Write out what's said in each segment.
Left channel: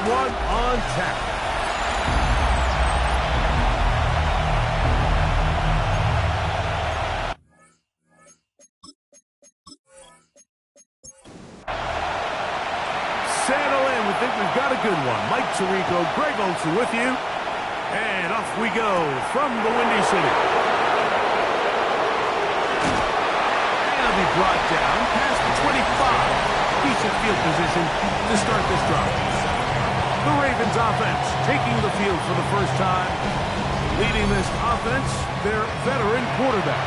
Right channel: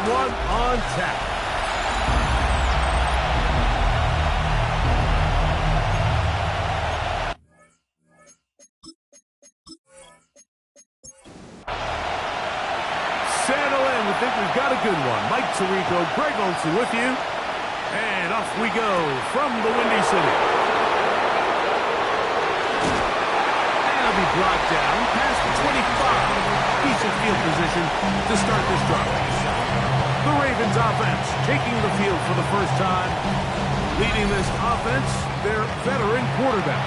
third one on tap. Settle in. We think we've got a good one. Mike Tirico, Greg Olsen with you. And off we go from the Windy City. And it'll be brought down past the 25. Decent field position to start this drive. The Ravens offense taking the field for the first time. Leading this offense, their veteran quarterback.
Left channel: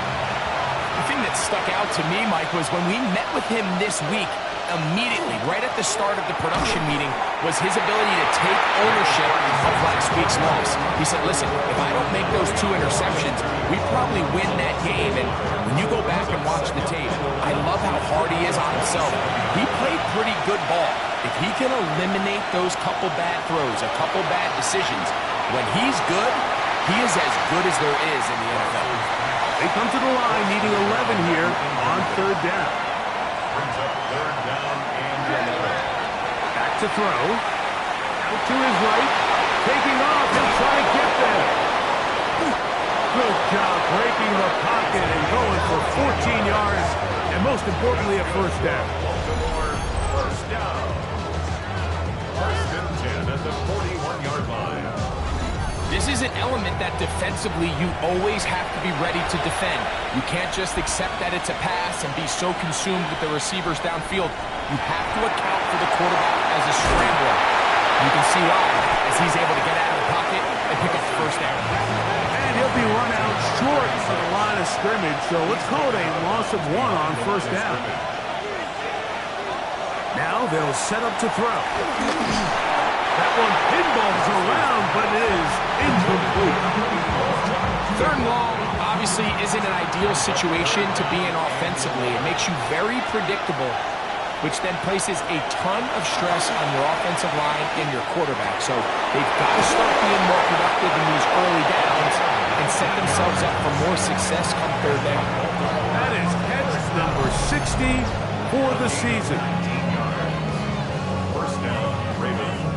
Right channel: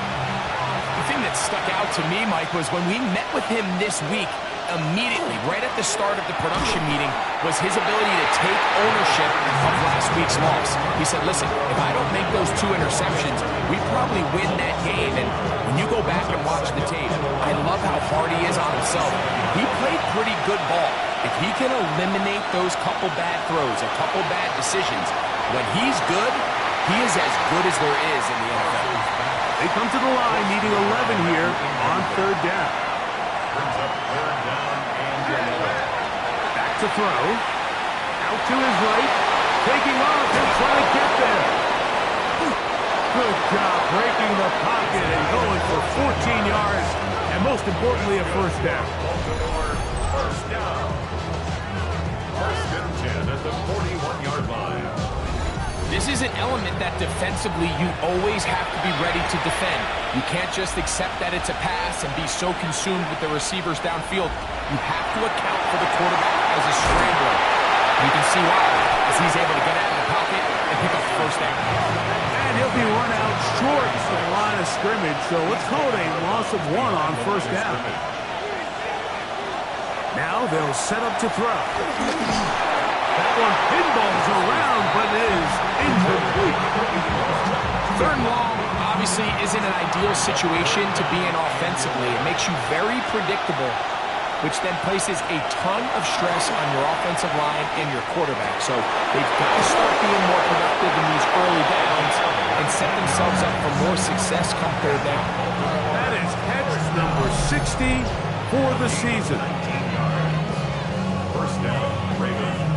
The thing that stuck out to me, Mike, was when we met with him this week, immediately, right at the start of the production meeting, was his ability to take ownership of last week's loss. He said, listen, if I don't make those 2 interceptions, we probably win that game. And when you go back and watch the tape, I love how hard he is on himself. He played pretty good ball. If he can eliminate those couple bad throws, a couple bad decisions, when he's good, he is as good as there is in the NFL. They come to the line needing 11 here on third down. Brings up third down and 11. Back to throw. Out to his right. Taking off. He'll try to get there. Good job breaking the pocket and going for 14 yards. And most importantly, a first down. Baltimore, first down. First and 10 at the 41-yard line. This is an element that defensively you always have to be ready to defend. You can't just accept that it's a pass and be so consumed with the receivers downfield. You have to account for the quarterback as a scrambler. You can see why, as he's able to get out of the pocket and pick up the first down. And he'll be run out short of the line of scrimmage, so let's call it a loss of 1 on first down. Now they'll set up to throw. That one pinballs around, but it is incomplete. Third and long obviously isn't an ideal situation to be in offensively. It makes you very predictable, which then places a ton of stress on your offensive line and your quarterback. So they've got to start being more productive in these early downs and set themselves up for more success come third down. That is catch number 60 for the season. First down, Ravens.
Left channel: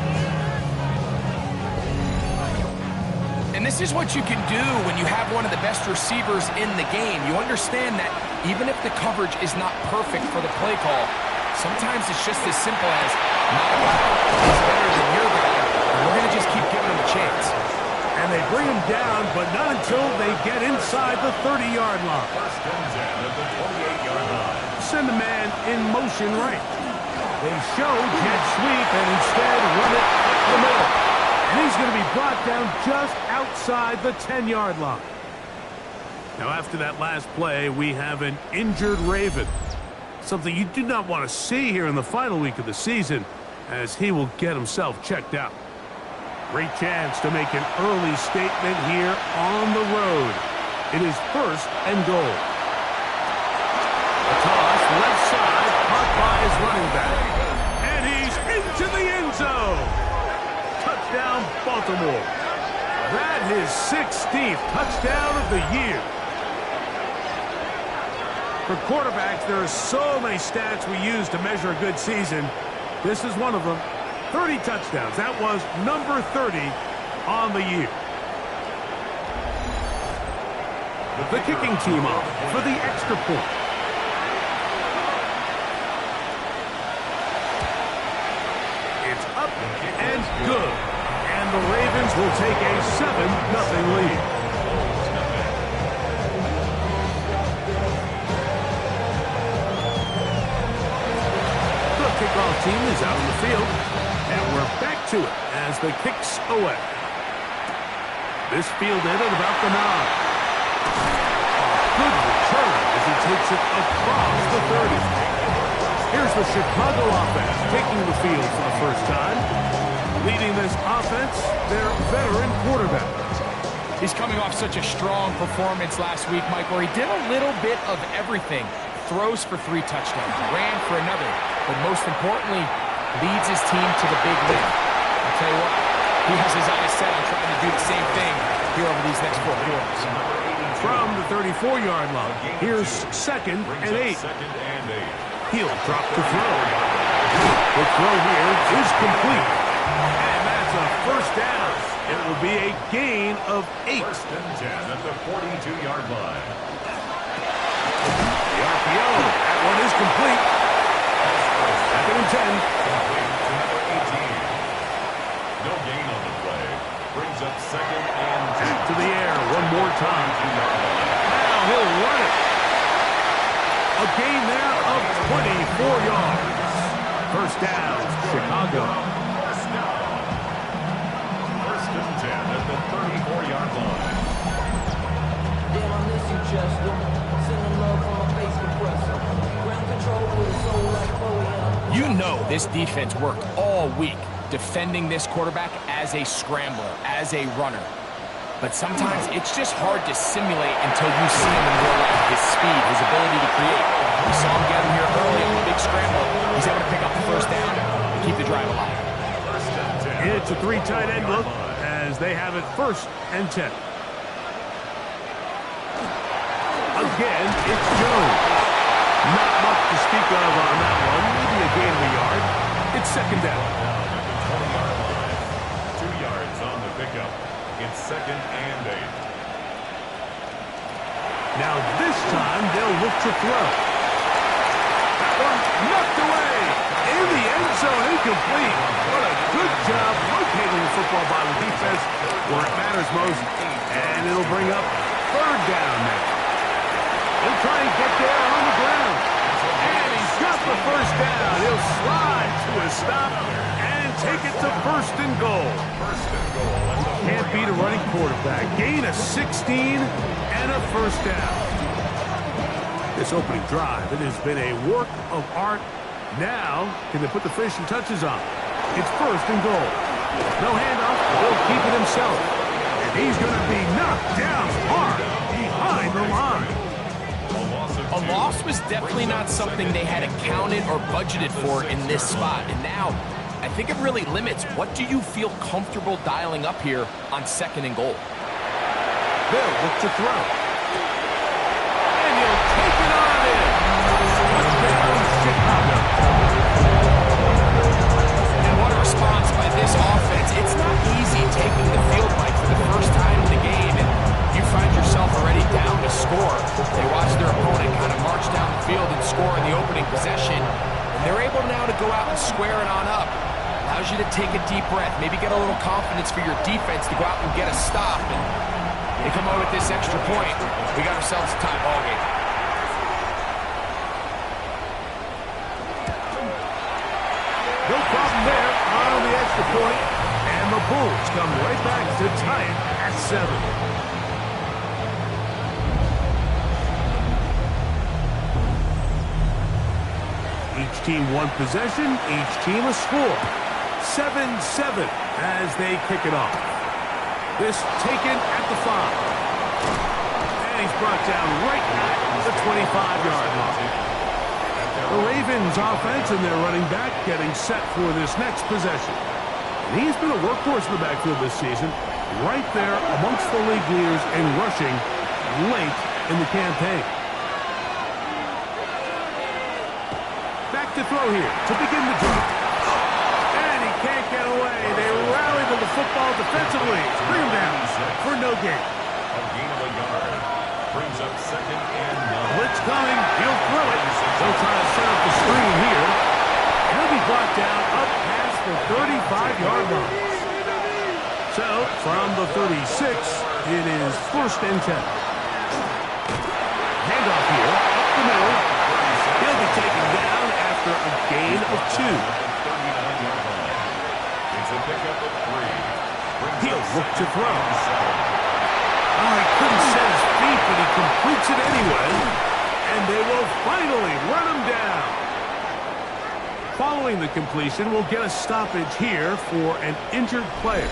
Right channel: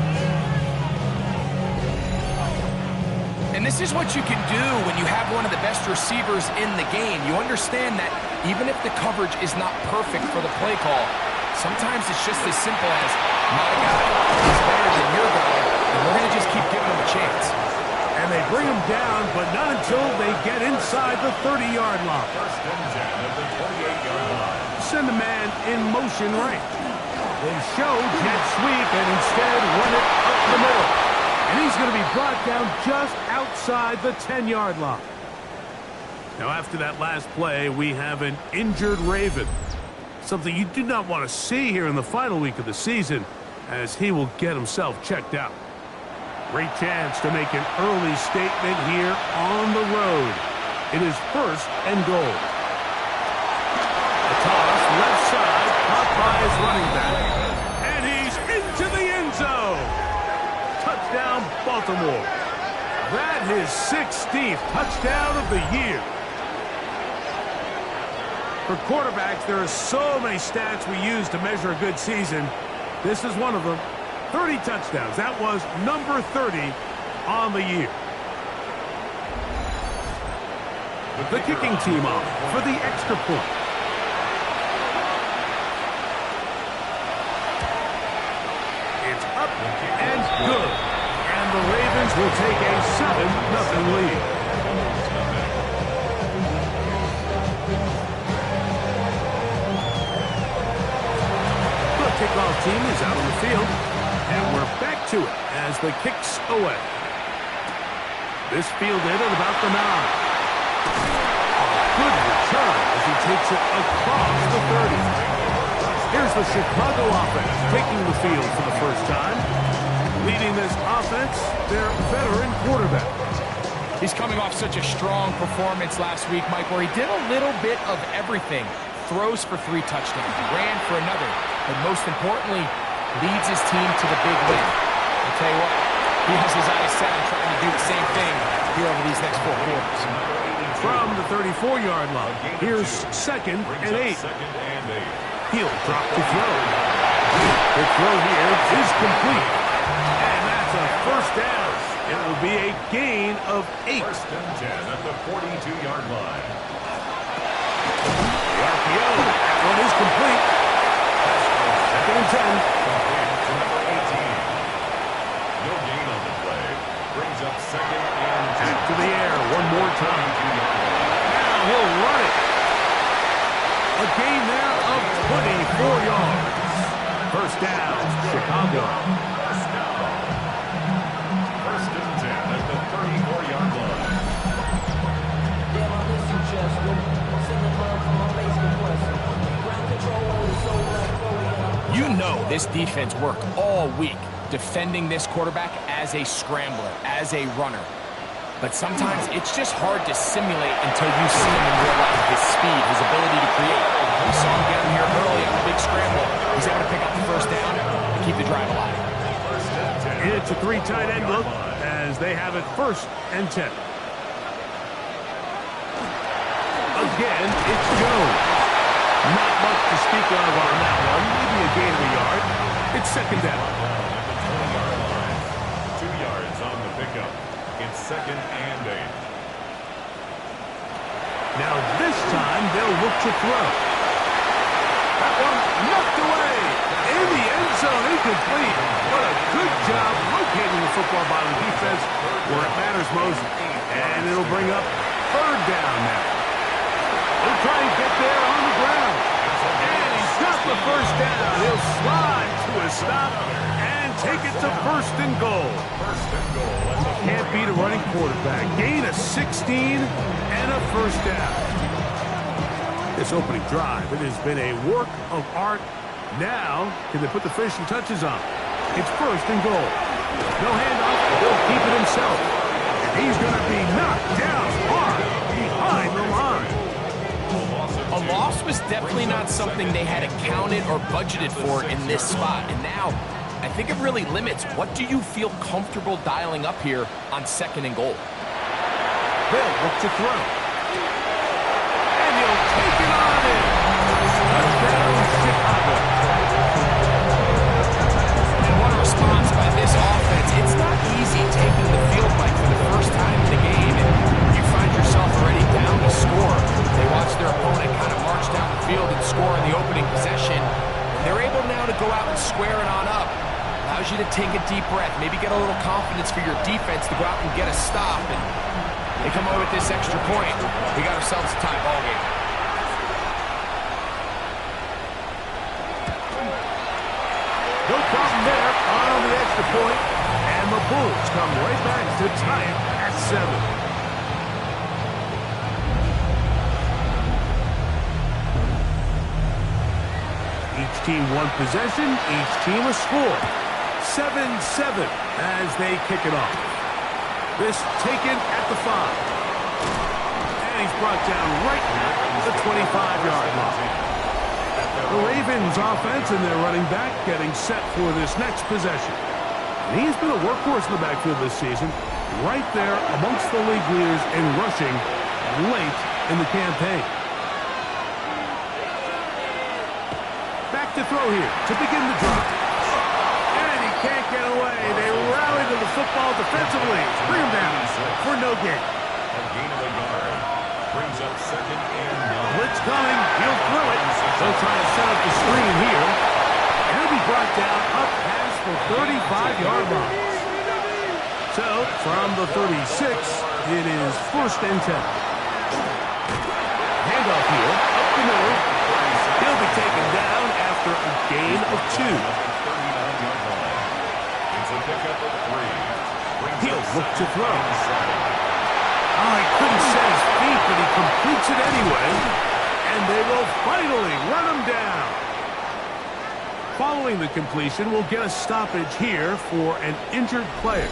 And this is what you can do when you have one of the best receivers in the game. You understand that even if the coverage is not perfect for the play call, sometimes it's just as simple as, my guy is better than your guy, and we're going to just keep giving him a chance. And they bring him down, but not until they get inside the 30-yard line. First and 10 at the 28-yard line. Send a man in motion right. They show jet sweep and instead run it up the middle. And he's going to be brought down just outside the 10-yard line. Now, after that last play, we have an injured Raven. Something you do not want to see here in the final week of the season, as he will get himself checked out. Great chance to make an early statement here on the road. It is first and goal. A toss, left side, caught by his running back. And he's into the end zone. Touchdown, Baltimore. That is his 16th touchdown of the year. For quarterbacks, there are so many stats we use to measure a good season. This is one of them. 30 touchdowns. That was number 30 on the year. The kicking team off for the extra point. It's up and good. And the Ravens will take a 7-0 lead. The kickoff team is out on the field. And we're back to it as the kick's away. This fielded at about the 9. A good return as he takes it across the 30. Here's the Chicago offense taking the field for the first time. Leading this offense, their veteran quarterback. He's coming off such a strong performance last week, Mike, where he did a little bit of everything. Throws for 3 touchdowns, ran for another, but most importantly, leads his team to the big win. I'll tell you what, he has his eyes set on trying to do the same thing here over these next 4 quarters. From the 34-yard line, here's second and 8. He'll drop to throw. The throw here is complete. a first down. It will be a gain of 8. First and 10 at the 42-yard line. The RPO. That one is complete. Second and 10. Complete to number 18. No gain on the play. Brings up second and 10. Back to the air one more time. 42-yard line. Now he'll run it. A gain there of 24 yards. First down, Chicago. First down. First and 10 at the 34-yard line. Damn, I miss you, Chester. Sending love from my face compressor. Ground control with a soul like Bowie. You know this defense worked all week defending this quarterback as a scrambler, as a runner. But sometimes it's just hard to simulate until you see him in real life. His speed, his ability to create. We saw him get him here early on the big scramble. He's able to pick up the first down and keep the drive alive. First and 10. It's a 3 tight end look as they have it first and 10. Again, it's Jones. Not much to speak of on that one. Maybe a gain of a yard. It's second down. Down at the 20-yard line. 2 yards on the pickup. It's second and 8. Now this time they'll look to throw. That one knocked away. In the end zone, incomplete. What a good job locating the football by the defense where it matters most. And it'll bring up third down now. He'll try and get there on the ground. And he's got the first down. He'll slide to a stop and take it to first and goal. First and goal at the Can't beat a running quarterback. Gain of 16 and a first down. This opening drive, it has been a work of art. Now, can they put the finishing touches on? It's first and goal. No handoff. He'll keep it himself. And he's going to be knocked down hard behind the line. A loss was definitely not something they had accounted or budgeted for in this spot. And now, I think it really limits what do you feel comfortable dialing up here on second and goal. They'll look to throw. And he'll take it on in. Touchdown, Chicago. And what a response by this offense. It's not easy taking the field, Mike, for the first time in the game, and you find yourself already down to score. They watch their opponent kind of march down the field and score in the opening possession, and they're able now to go out and square it on up. Allows you to take a deep breath, maybe get a little confidence for your defense to go out and get a stop, and they come away with this extra point. We got ourselves a tie ball game. No problem there on the extra point, and the Bulls come right back to tie it at 7. Each team one possession, each team a score. 7-7 as they kick it off. This taken at the 5. And he's brought down right at the 25-yard line. The Ravens offense and their running back getting set for this next possession. And he's been a workhorse in the backfield this season, right there amongst the league leaders in rushing late in the campaign. Back to throw here to begin the drive. And he can't get away. They rally to the football defensively. Bring him down for no gain. A gain of a yard. Brings up second and 9. Blitz coming. He'll throw it. They'll try to set up the screen here. And he'll be brought down up past the 35-yard line. So, from the 36, it is first and 10. Handoff here, up the middle. He'll be taken down after a gain of 2. 39-yard line. It's a pickup of 3. He'll look to throw. Oh, he couldn't set his feet, but he completes it anyway. And they will finally run him down. Following the completion, we'll get a stoppage here for an injured player.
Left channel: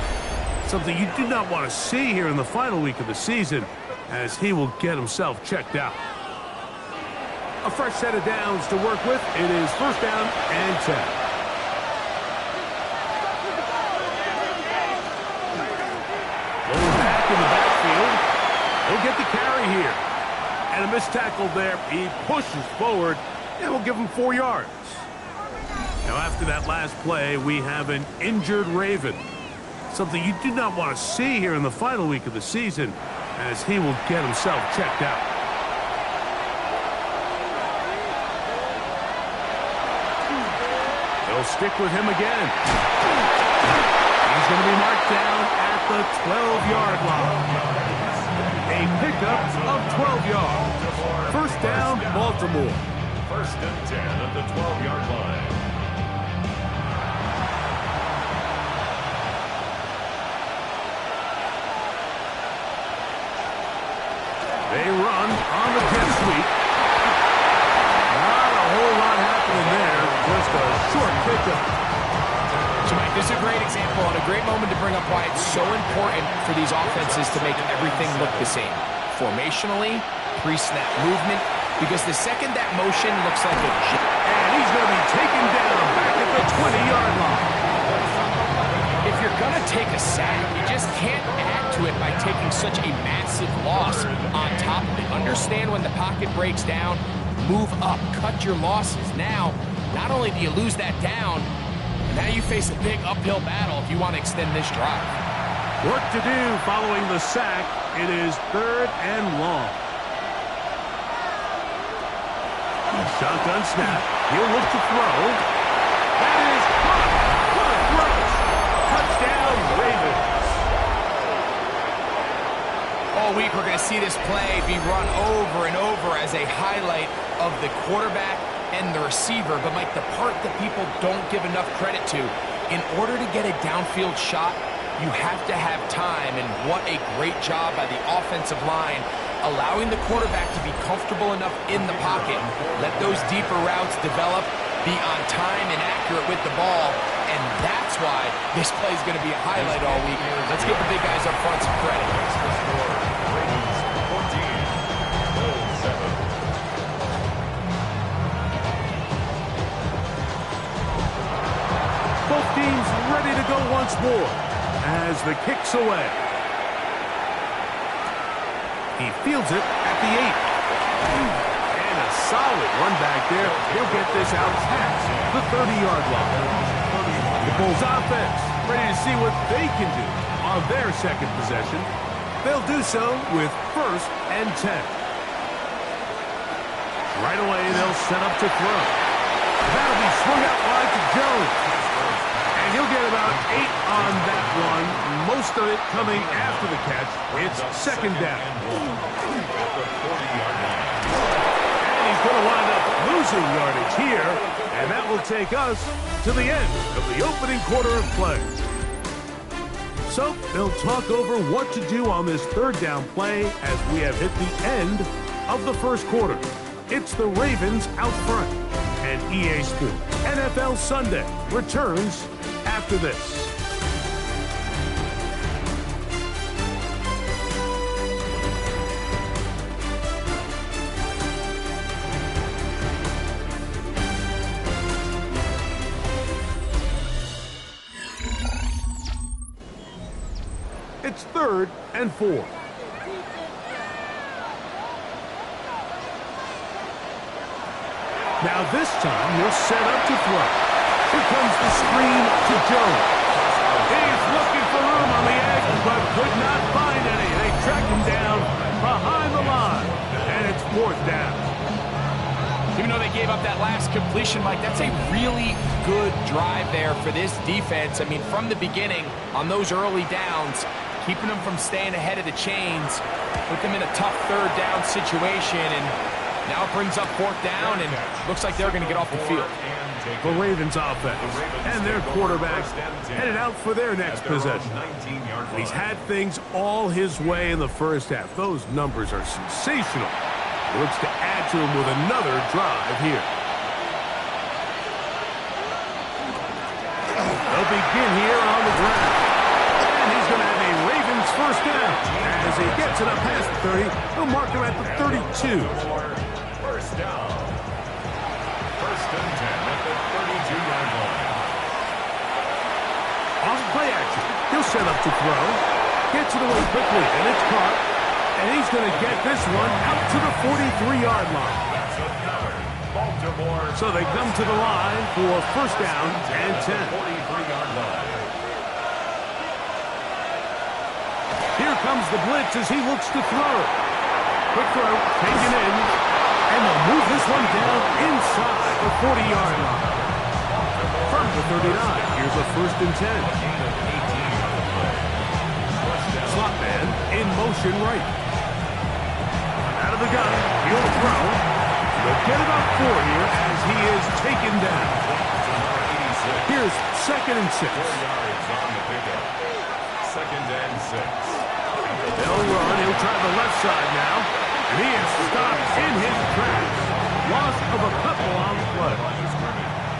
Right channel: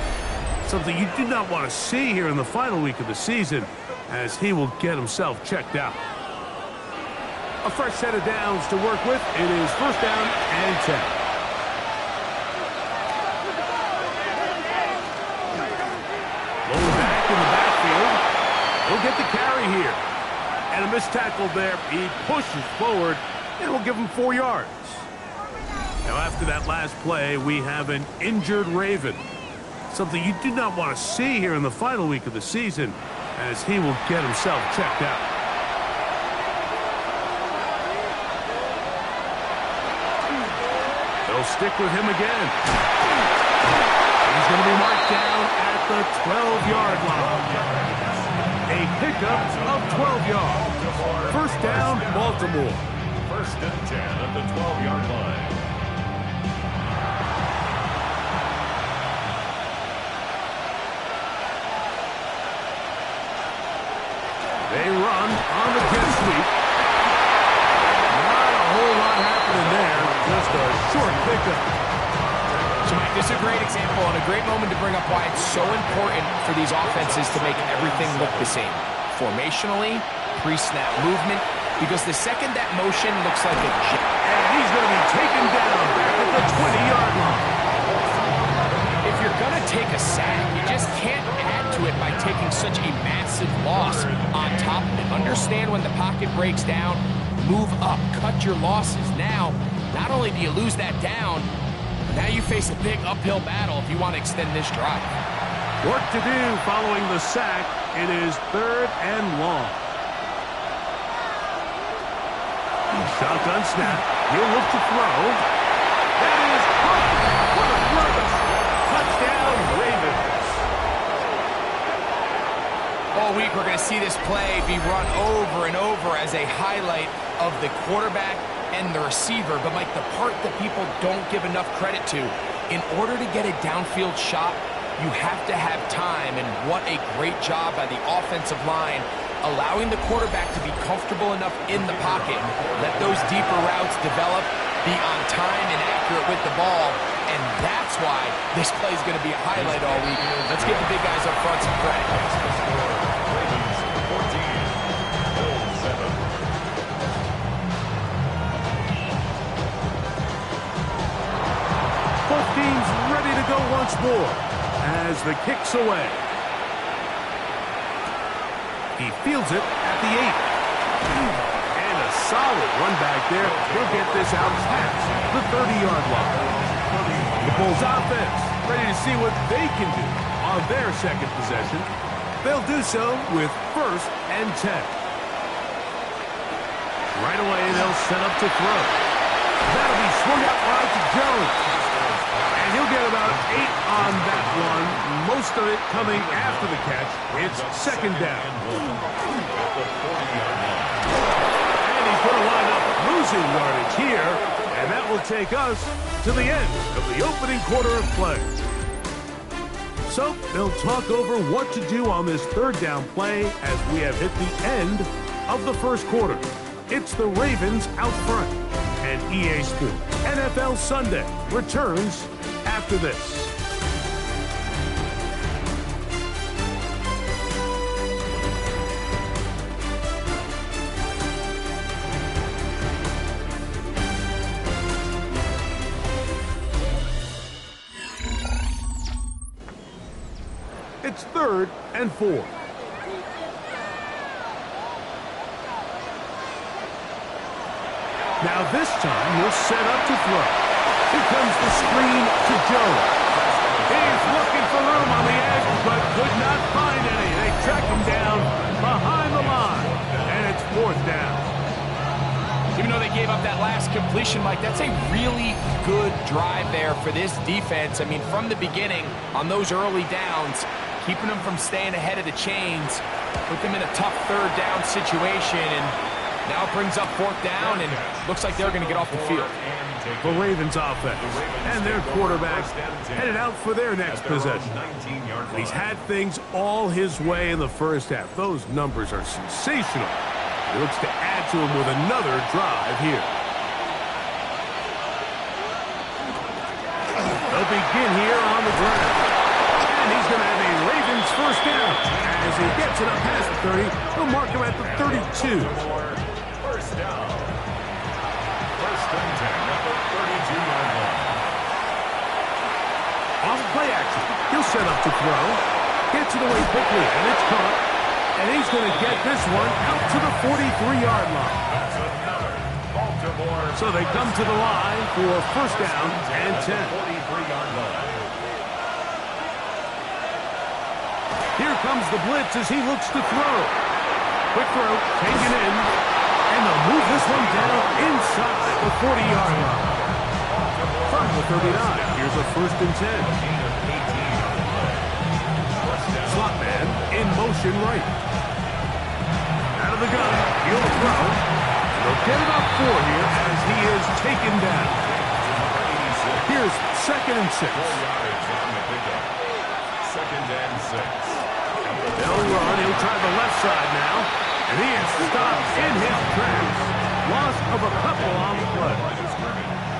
Something you do not want to see here in the final week of the season, as he will get himself checked out. A fresh set of downs to work with. It is first down and 10. Lower back in the backfield. He'll get the carry here. And a missed tackle there. He pushes forward, and we'll give him 4 yards. Now, after that last play, we have an injured Raven. Something you do not want to see here in the final week of the season, as he will get himself checked out. They'll stick with him again. He's going to be marked down at the 12-yard line. A pickup of 12 yards. First down, Baltimore. First and 10 at the 12-yard line. They run on the jet sweep. Not a whole lot happening there. Just a short pickup. So, Mike, this is a great example and a great moment to bring up why it's so important for these offenses to make everything look the same. Formationally, pre-snap movement, because the second that motion looks like a jet. And he's going to be taken down back at the 20-yard line. If you're going to take a sack, you just can't add to it by taking such a massive loss on top of it. Understand when the pocket breaks down, move up, cut your losses. Now, not only do you lose that down, but now you face a big uphill battle if you want to extend this drive. Work to do following the sack. It is 3rd and long. Shotgun snap. He'll look to throw. That is caught. What a throw. Touchdown, Ravens. All week, we're going to see this play be run over and over as a highlight of the quarterback and the receiver. But, Mike, the part that people don't give enough credit to, in order to get a downfield shot, you have to have time. And what a great job by the offensive line, allowing the quarterback to be comfortable enough in the pocket, let those deeper routes develop, be on time and accurate with the ball. And that's why this play is going to be a highlight all week. Let's give the big guys up front some credit. The score, Ravens 14, Bills 7. Both teams ready to go once more as the kick's away. He fields it at the 8. And a solid run back there. He'll get this out past the 30-yard line. The Bulls offense ready to see what they can do on their second possession. They'll do so with 1st and 10. Right away, they'll set up to throw. That'll be swung out wide to Jones. And he'll get about 8 on that one. Most of it coming after the catch. It's 2nd down. At the 40-yard line. And he's going to wind up losing yardage here. And that will take us to the end of the opening quarter of play. So they'll talk over what to do on this 3rd down play as we have hit the end of the first quarter. It's the Ravens out front. And EA Sports NFL Sunday returns after this. It's 3rd and 4. Now this time he'll set up to throw. Here comes the screen to Jones. He's looking for room on the edge, but could not find any. They track him down behind the line, and it's 4th down. Even though they gave up that last completion, Mike, that's a really good drive there for this defense. I mean, from the beginning, on those early downs, keeping them from staying ahead of the chains, put them in a tough 3rd down situation, and now it brings up 4th down, and looks like they're going to get off the field. The Ravens offense and their quarterback headed out for their next possession. He's had things all his way in the first half. Those numbers are sensational. He looks to add to them with another drive here. They'll begin here on the ground. And he's going to have a Ravens 1st down. As he gets it up past the 30, they'll mark him at the 32. 1st down. 1st and 10 at the 32-yard line. Off play action. He'll set up to throw. Gets it away quickly, and it's caught. And he's going to get this one out to the 43-yard line. That's another Baltimore. So they come to the line for 1st down and 10. 43-yard line. Here comes the blitz as he looks to throw. Quick throw, taken in, and they'll move this one down inside the 40-yard line. From the 39, here's a 1st and 10. Slot man in motion right. Out of the gun, he'll throw. And they'll get about 4 here as he is taken down. Here's 2nd and 6. 4 yards on the pickup. 2nd and 6. They'll run. He'll try the left side now. And he is stopped in his tracks. Loss of a couple on the play.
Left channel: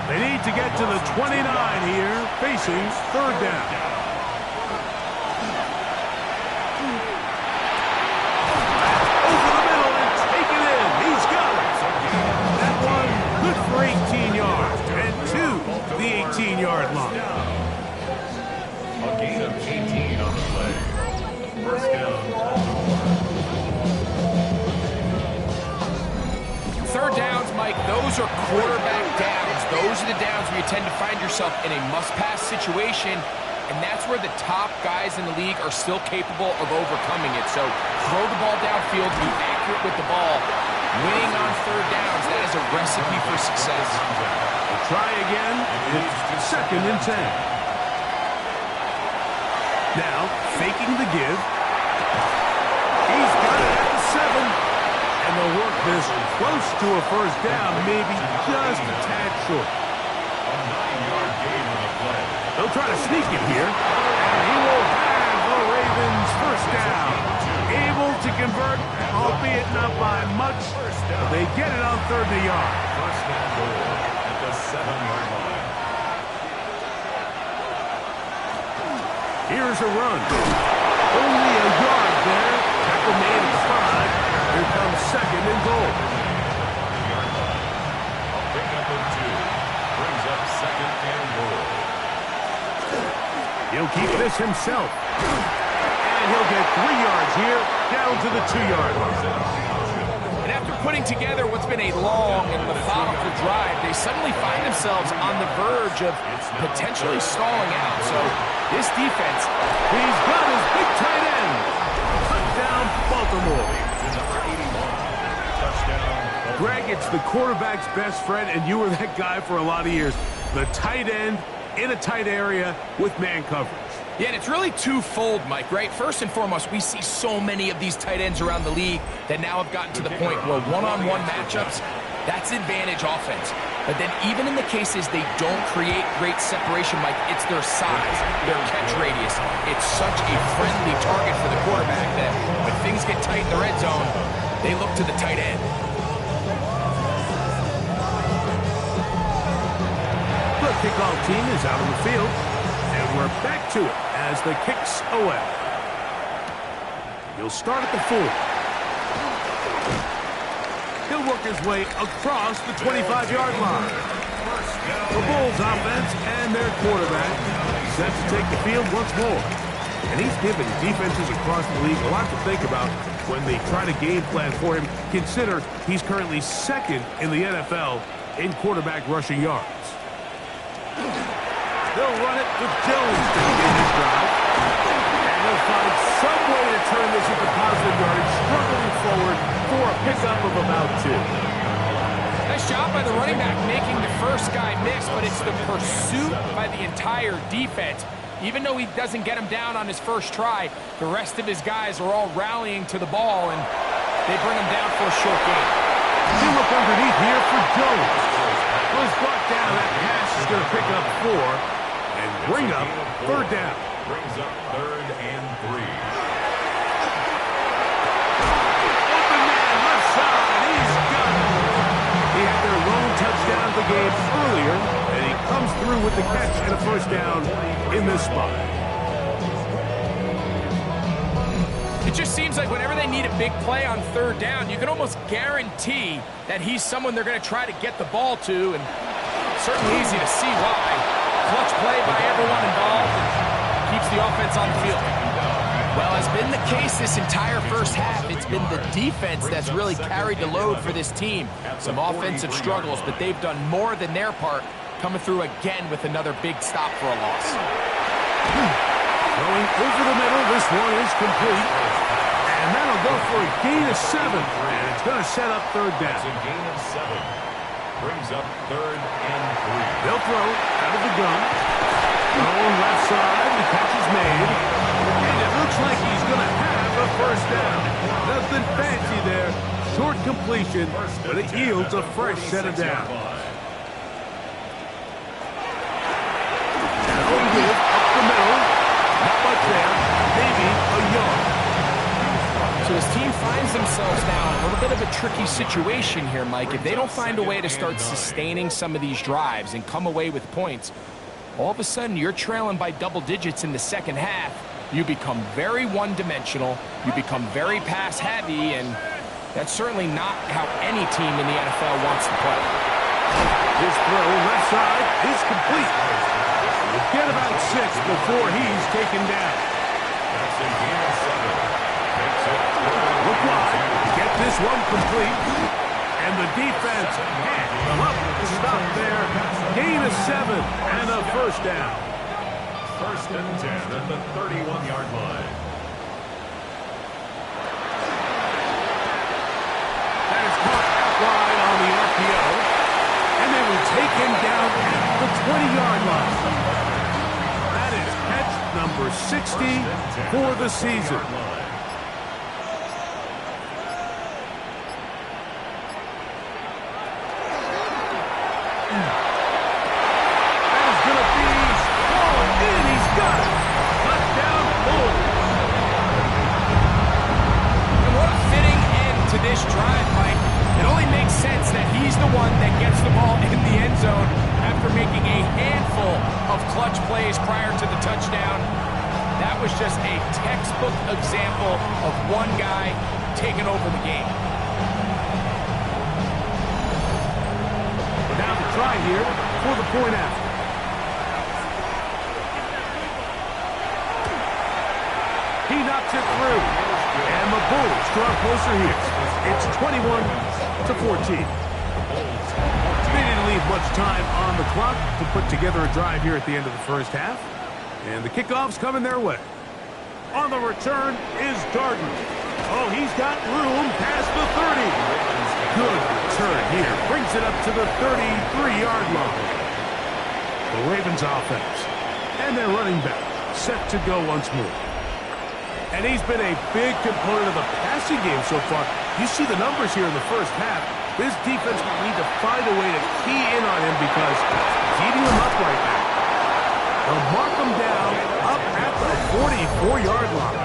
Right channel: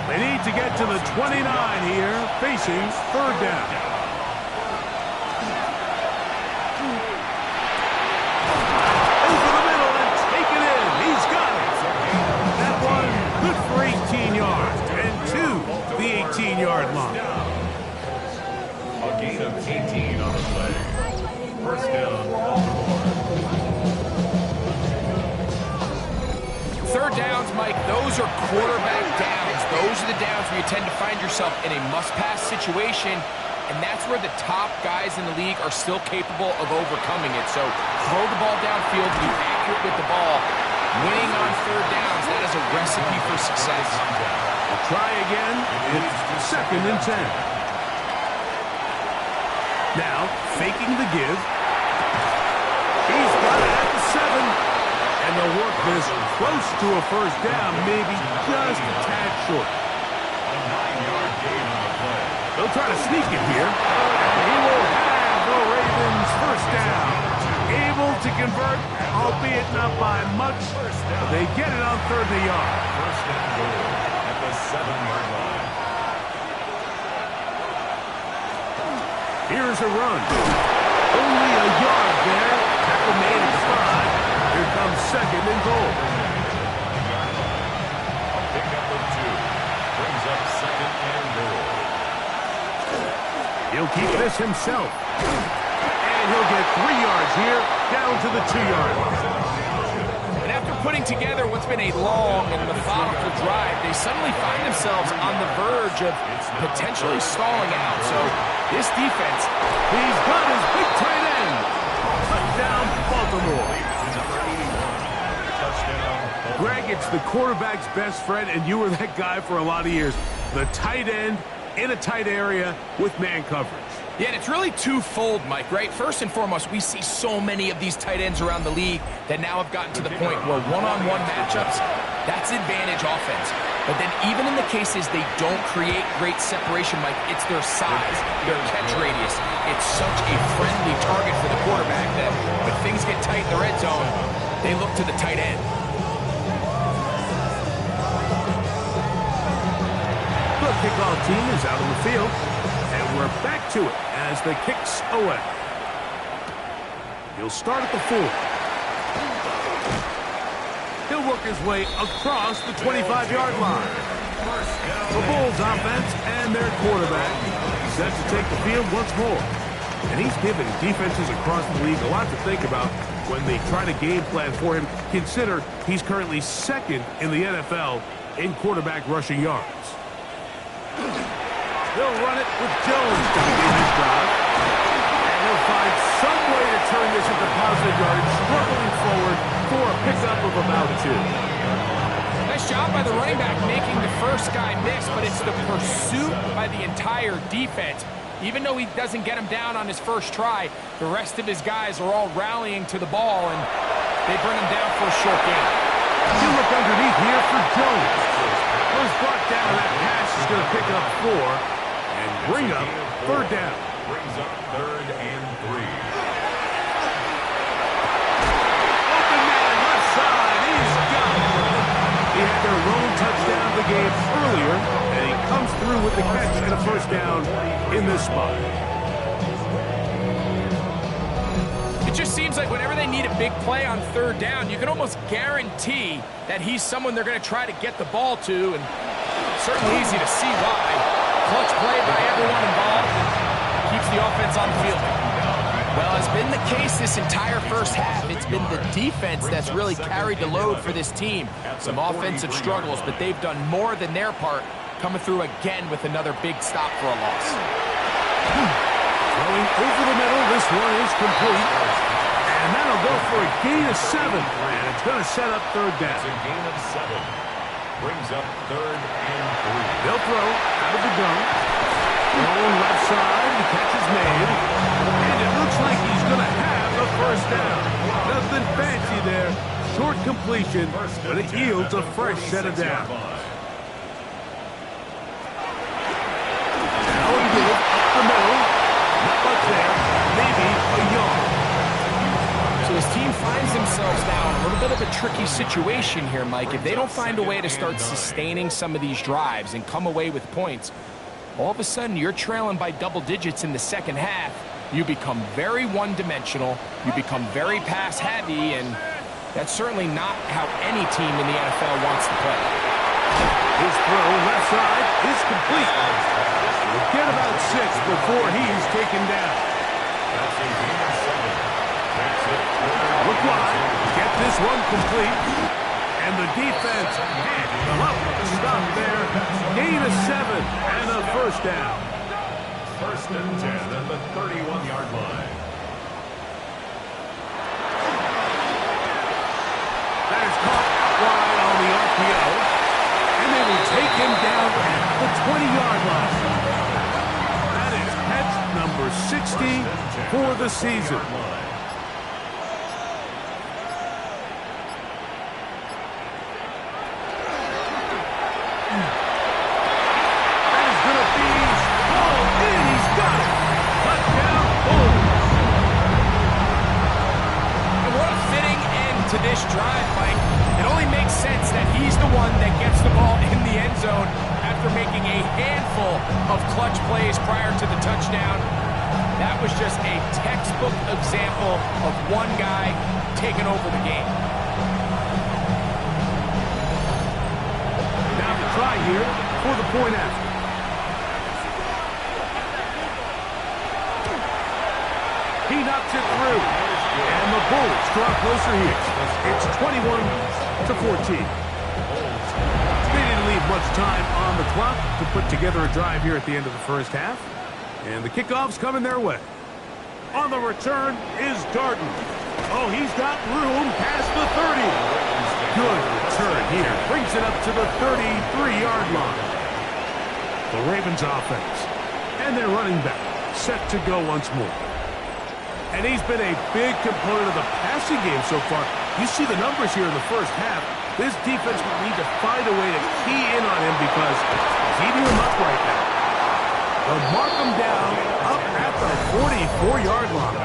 They need to get to the 29 here, facing 3rd down. Over the middle and take it in. He's got it. That one good for 18 yards. And to the 18-yard line. A gain of 18 on the play. 1st down, Baltimore. 3rd downs, Mike, those are quarterback downs. Those are the downs where you tend to find yourself in a must-pass situation, and that's where the top guys in the league are still capable of overcoming it. So throw the ball downfield, be accurate with the ball. Winning on 3rd downs, that is a recipe for success. We'll try again. It's 2nd and 10. Now, faking the give. He's got it at the 7. And they'll work this close to a 1st down, maybe just a tad short. A 9-yard gain on the play. They'll try to sneak it here, and he will have the Ravens 1st down. Able to convert, albeit not by much, but they get it on 3rd and a yard. 1st and goal at the 7-yard line. Here's a run. Only a yard there. Tackle made at the 5. Here comes 2nd and goal. A pickup of 2. Brings up 2nd and goal. He'll keep this himself. And he'll get 3 yards here, down to the 2-yard line. And after putting together what's been a long and methodical drive, they suddenly find themselves on the verge of potentially stalling out. So this defense, he's got his big tight end. Touchdown, Baltimore. Greg, it's the quarterback's best friend, and you were that guy for a lot of years. The tight end in a tight area with man coverage. Yeah, and it's really twofold, Mike, right? First and foremost, we see so many of these tight ends around the league that now have gotten to the point where one-on-one matchups, that's advantage offense. But then even in the cases they don't create great separation, Mike, it's their size, their catch radius. It's such a friendly target for the quarterback that when things get tight in the red zone, they look to the tight end. The kickoff team is out on the field, and we're back to it as the kick's away. He'll start at the 4. He'll work his way across the 25-yard line. The Bulls offense and their quarterback set to take the field once more. And he's given defenses across the league a lot to think about when they try to game plan for him. Consider he's currently 2nd in the NFL in quarterback rushing yards. They'll run it with Jones to begin this drive. And he'll find some way to turn this into positive yardage, struggling forward for a pickup of about 2. Nice job by the running back making the first guy miss, but it's the pursuit by the entire defense. Even though he doesn't get him down on his first try, the rest of his guys are all rallying to the ball, and they bring him down for a short gain. He'll look underneath here for Jones. Was brought down. That pass is going to pick up 4 and bring up 3rd down. Brings up 3rd and 3. Open man, left side. He's got it. He had their lone touchdown of the game earlier, and he comes through with the catch and a 1st down in this spot. It just seems like whenever they need a big play on 3rd down, you can almost guarantee that he's someone they're going to try to get the ball to, and certainly easy to see why. Clutch play by everyone involved and keeps the offense on the field. Well, as been the case this entire first half, it's been the defense that's really carried the load for this team. Some offensive struggles, but they've done more than their part, coming through again with another big stop for a loss. Throwing over the middle. This one is complete. And that'll go for a gain of 7. And it's going to set up third down. It's a gain of 7. Brings up 3rd and 3. They'll throw out of the gun. Throwing left side. The catch is made. And it looks like he's going to have the first down. Nothing fancy there. Short completion, but it yields a fresh set of downs. Now give up the middle. Not much there. Maybe a yard. So his team finds themselves now in a little bit of a tricky situation here, Mike. If they don't find a way to start sustaining some of these drives and come away with points, all of a sudden you're trailing by double digits in the second half. You become very one-dimensional. You become very pass-heavy, and that's certainly not how any team in the NFL wants to play. His throw left side is complete. We'll get about 6 before he's taken down. That's a gain of 7. Makes it Look wide. Get this one complete. And the defense can't love to stop there. Gain of 7 and a first down. 1st and 10 at the 31-yard line. That is caught out wide on the RPO. And they will take him down at the 20-yard line. That is catch number 60 for the season. That is going to be hauled in. He's got it. Touchdown, Bulls. And what a fitting end to this drive, Mike. It only makes sense that he's the one that gets the ball in the end zone after making a handful of clutch plays prior to the touchdown. That was just a textbook example of one guy taking over the game. Now the try here for the point after. He knocks it through. And the Bulls draw closer here. It's 21-14. They didn't leave much time on the clock to put together a drive here at the end of the first half. And the kickoff's coming their way. On the return is Darden. Oh, he's got room past the 30. Good return here. Brings it up to the 33-yard line. The Ravens offense. And their running back set to go once more. And he's been a big component of the passing game so far. You see the numbers here in the first half. This defense will need to find a way to key in on him because he's eating them up right now. They'll mark him down up at the 44-yard line.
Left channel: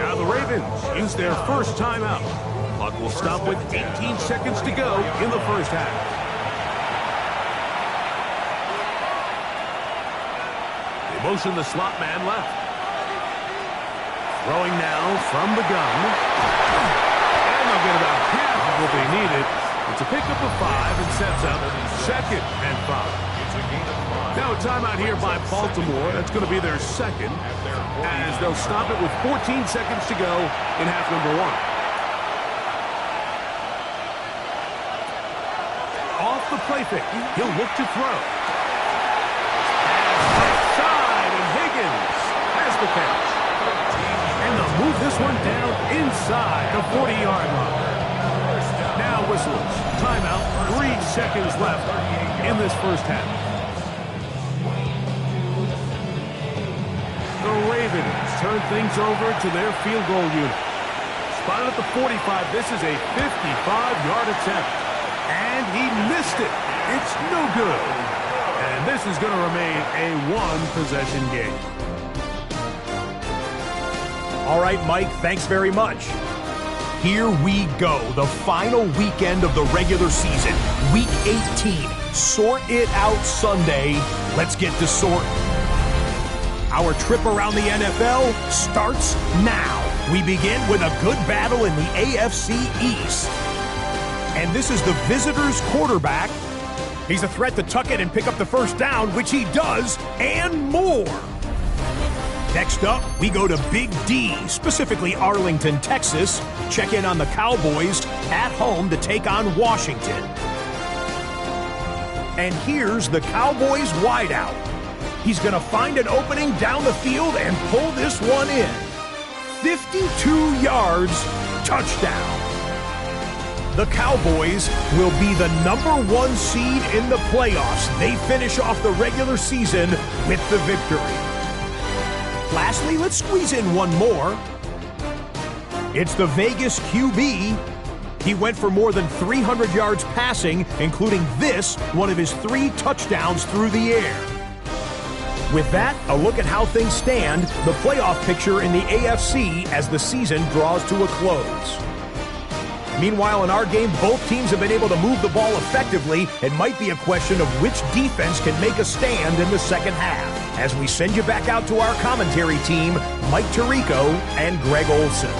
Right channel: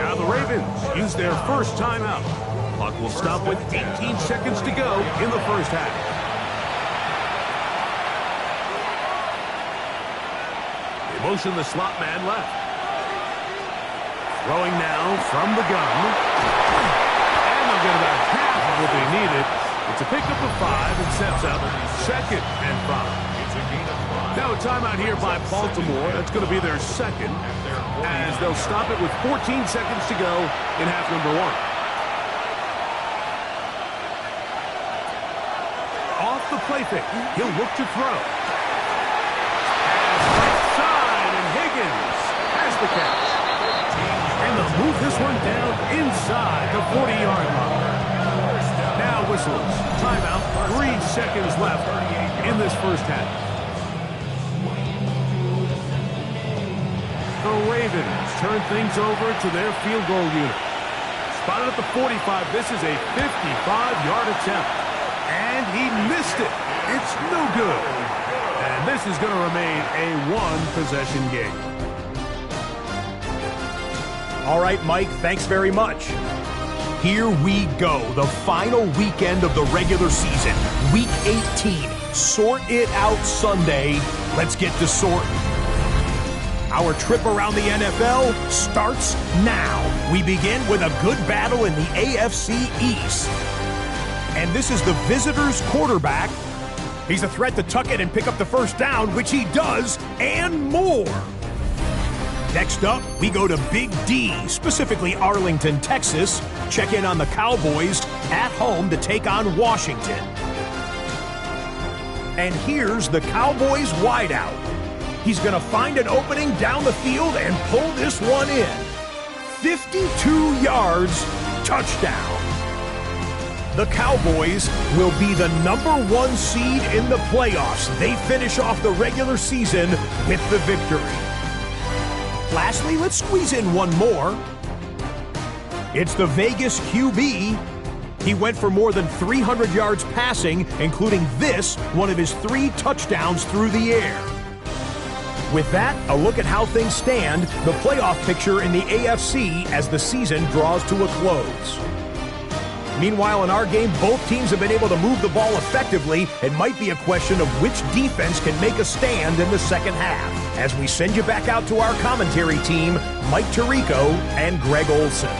Now the Ravens use their first timeout. Clock will stop with 18 seconds to go in the first half. They motion the slot man left. Throwing now from the gun. And they'll get about half of what they needed. It's a pickup of 5 and sets up 2nd and 5. Now a timeout here by Baltimore. That's going to be their second as they'll stop it with 14 seconds to go in half number 1. Off the play fake. He'll look to throw. And right side, and Higgins has the catch. And they'll move this one down inside the 40-yard line. Now whistles. Timeout. 3 seconds left in this first half. The Ravens turn things over to their field goal unit. Spotted at the 45. This is a 55-yard attempt. And he missed it. It's no good. And this is going to remain a one-possession game. All right, Mike, thanks very much. Here we go, the final weekend of the regular season, Week 18. Sort it out Sunday. Let's get to sorting. Our trip around the NFL starts now. We begin with a good battle in the AFC East. And this is the visitors' quarterback. He's a threat to tuck it and pick up the first down, which he does, and more. Next up, we go to Big D, specifically Arlington, Texas. Check in on the Cowboys at home to take on Washington. And here's the Cowboys wideout. He's going to find an opening down the field and pull this one in. 52 yards, touchdown. The Cowboys will be the #1 seed in the playoffs. They finish off the regular season with the victory. Lastly, let's squeeze in one more. It's the Vegas QB. He went for more than 300 yards passing, including this, one of his 3 touchdowns through the air. With that, a look at how things stand, the playoff picture in the AFC as the season draws to a close. Meanwhile, in our game, both teams have been able to move the ball effectively. It might be a question of which defense can make a stand in the second half. As we send you back out to our commentary team, Mike Tirico and Greg Olson.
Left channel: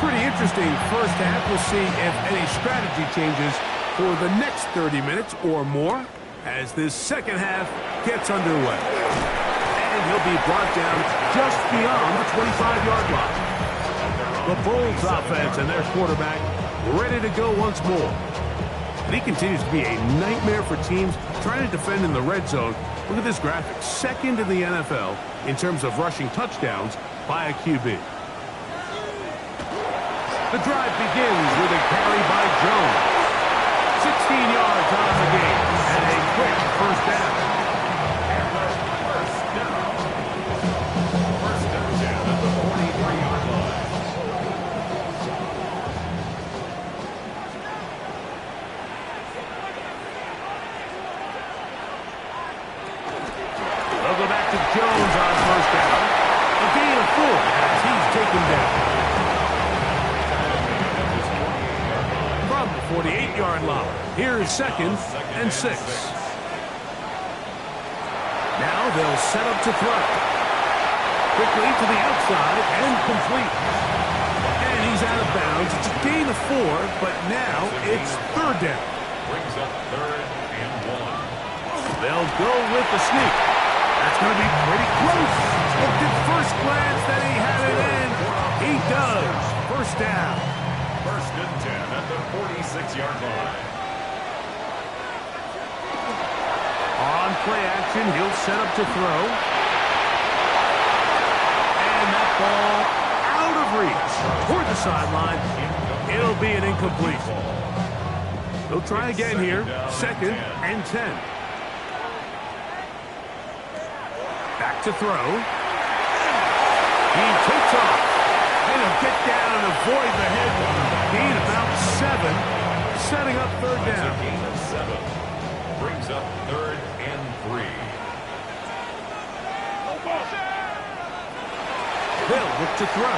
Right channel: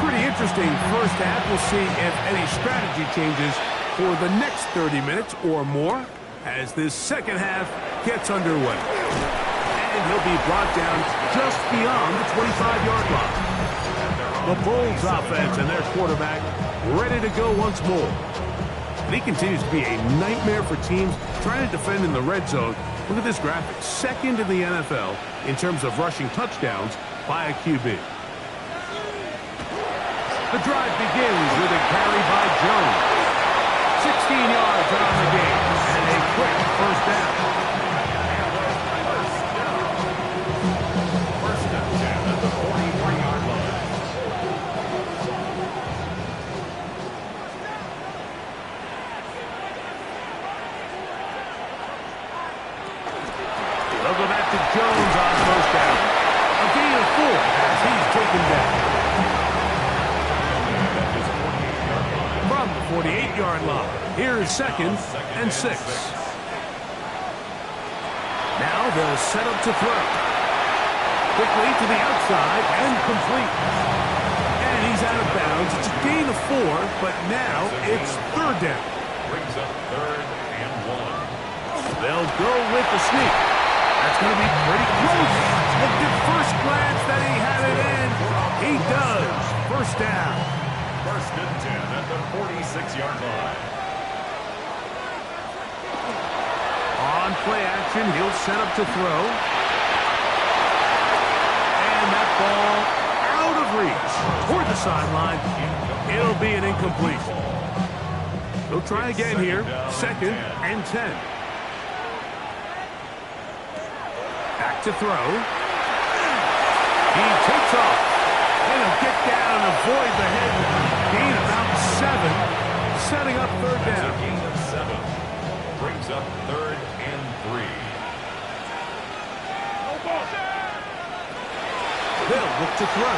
Pretty interesting first half. We'll see if any strategy changes for the next 30 minutes or more as this second half gets underway. And he'll be brought down just beyond the 25-yard line. The Bulls offense and their quarterback ready to go once more. And he continues to be a nightmare for teams trying to defend in the red zone. Look at this graphic. Second in the NFL in terms of rushing touchdowns by a QB. The drive begins with a carry by Jones. 16 yards on the game and a quick first down. First and 10 at the 43-yard line. to Jones on first down. A gain of 4 as he's taken down. From the 48-yard line, here's 2nd and 6. Now they'll set up to throw. Quickly to the outside and complete. And he's out of bounds. It's a gain of 4, but now it's 3rd down. Brings up 3rd and 1. They'll go with the sneak. That's going to be pretty close. Looked at first glance that he had it in. He does. First down. 1st and 10 at the 46-yard line. On play action, he'll set up to throw. And that ball out of reach toward the sideline. It'll be an incompletion. They'll try again here. 2nd and 10. Back to throw. He takes off. And he'll get down and avoid the hit. Gain about 7. Setting up 3rd That's down. a gain of 7. Brings up 3rd and 3. They'll look to throw.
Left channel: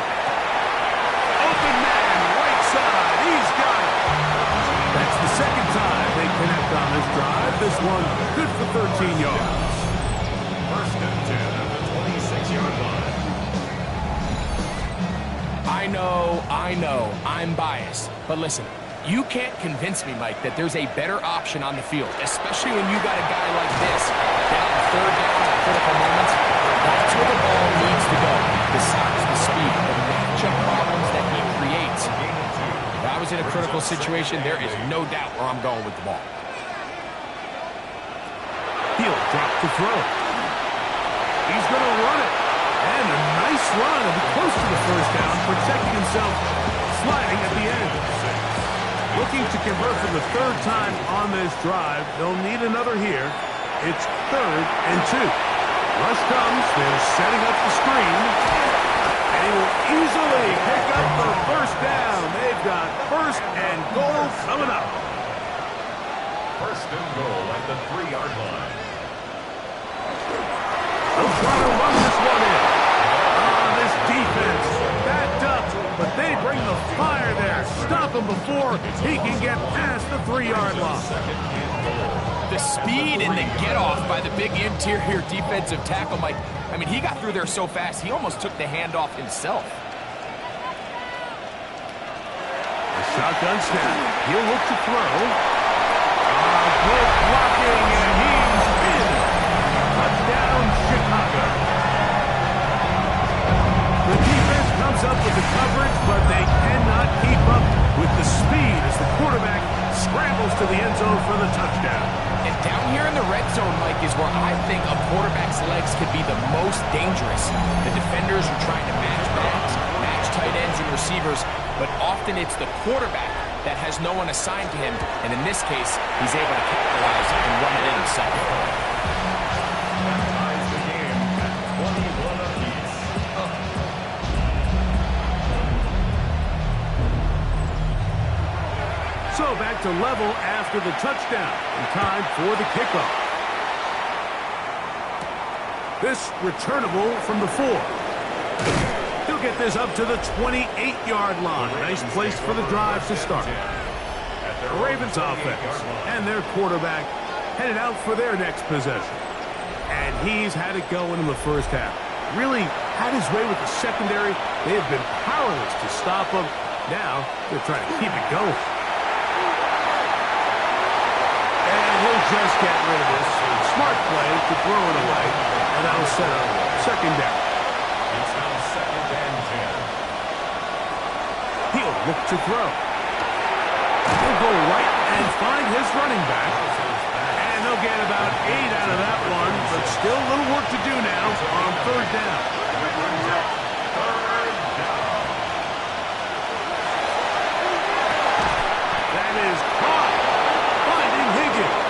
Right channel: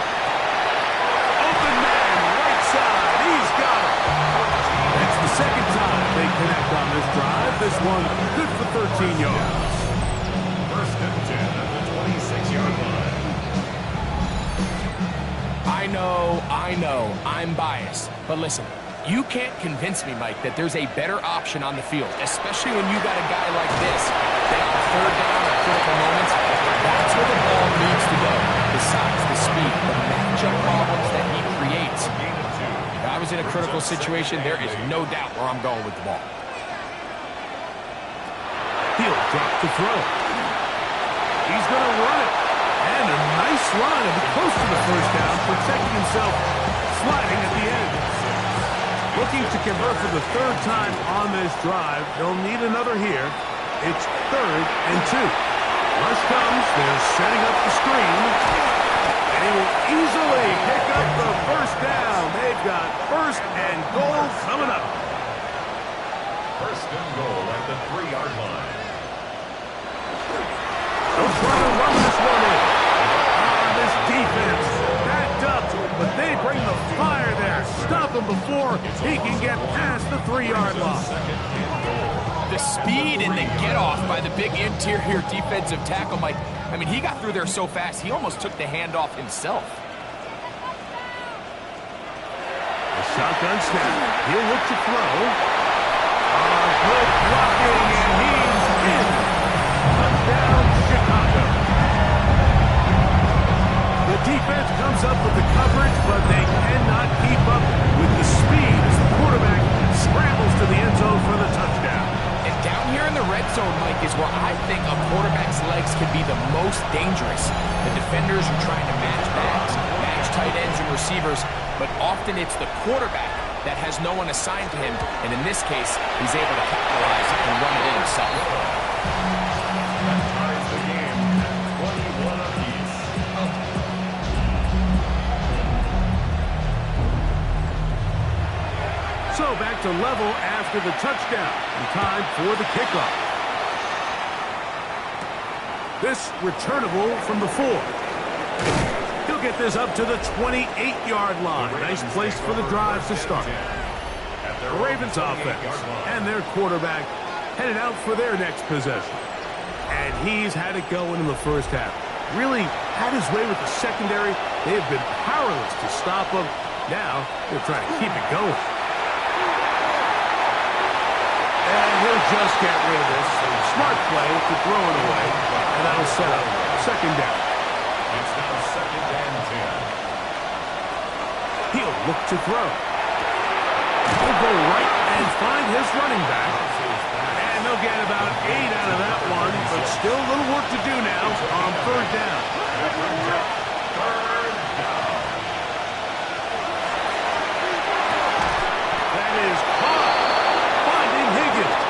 Open man, right side. He's got it. That's the 2nd time they connect on this drive. This one good for 13 yards. 1st and 10 at the 26-yard line. I know, I'm biased. But listen, you can't convince me, Mike, that there's a better option on the field, especially when you got a guy like this that on 3rd down at critical moments, that's where the ball needs to go. Besides the speed, the matchup problems that he creates. Gain of 2. If I was in a critical situation, there is no doubt where I'm going with the ball. He'll drop to throw. He's going to run it. And a nice run. It'll be close to the first down, protecting himself, sliding at the end. Looking to convert for the 3rd time on this drive. They'll need another here. It's 3rd and 2. Rush comes. They're setting up the screen. And he will easily pick up the first down. They've got 1st and goal coming up. 1st and goal at the 3-yard line. They'll try to run this one in. This defense backed up, but they bring the fire there. Stop him before he can get past the 3-yard line. 2nd and goal. The speed and the get-off by the big interior defensive tackle, Mike. I mean, he got through there so fast, he almost took the handoff himself. The shotgun snap. He'll look to throw. Good blocking, and he's in. Touchdown, Chicago. The defense comes up with the coverage, but they cannot keep up with the speed as the quarterback scrambles to the end zone for the touchdown. And down here in the red zone, Mike, is where I think a quarterback's legs can be the most dangerous. The defenders are trying to match backs, match tight ends and receivers, but often it's the quarterback that has no one assigned to him, and in this case, he's able to capitalize and run it in himself. That ties the game at 21 apiece. So back to level after the touchdown, and time for the kickoff. This returnable from the 4. He'll get this up to the 28-yard line. Nice place for the drive to start. The Ravens offense and their quarterback headed out for their next possession. And he's had it going in the first half. Really had his way with the secondary. They have been powerless to stop him. Now they're trying to keep it going. And he'll just get rid of this. Smart play to throw it away. And that'll set up 2nd down. It's now 2nd and 10. He'll look to throw. He'll go right and find his running back. And they'll get about 8 out of that one, but still a little work to do now on 3rd down. That brings up 3rd down. That is caught. Finding Higgins.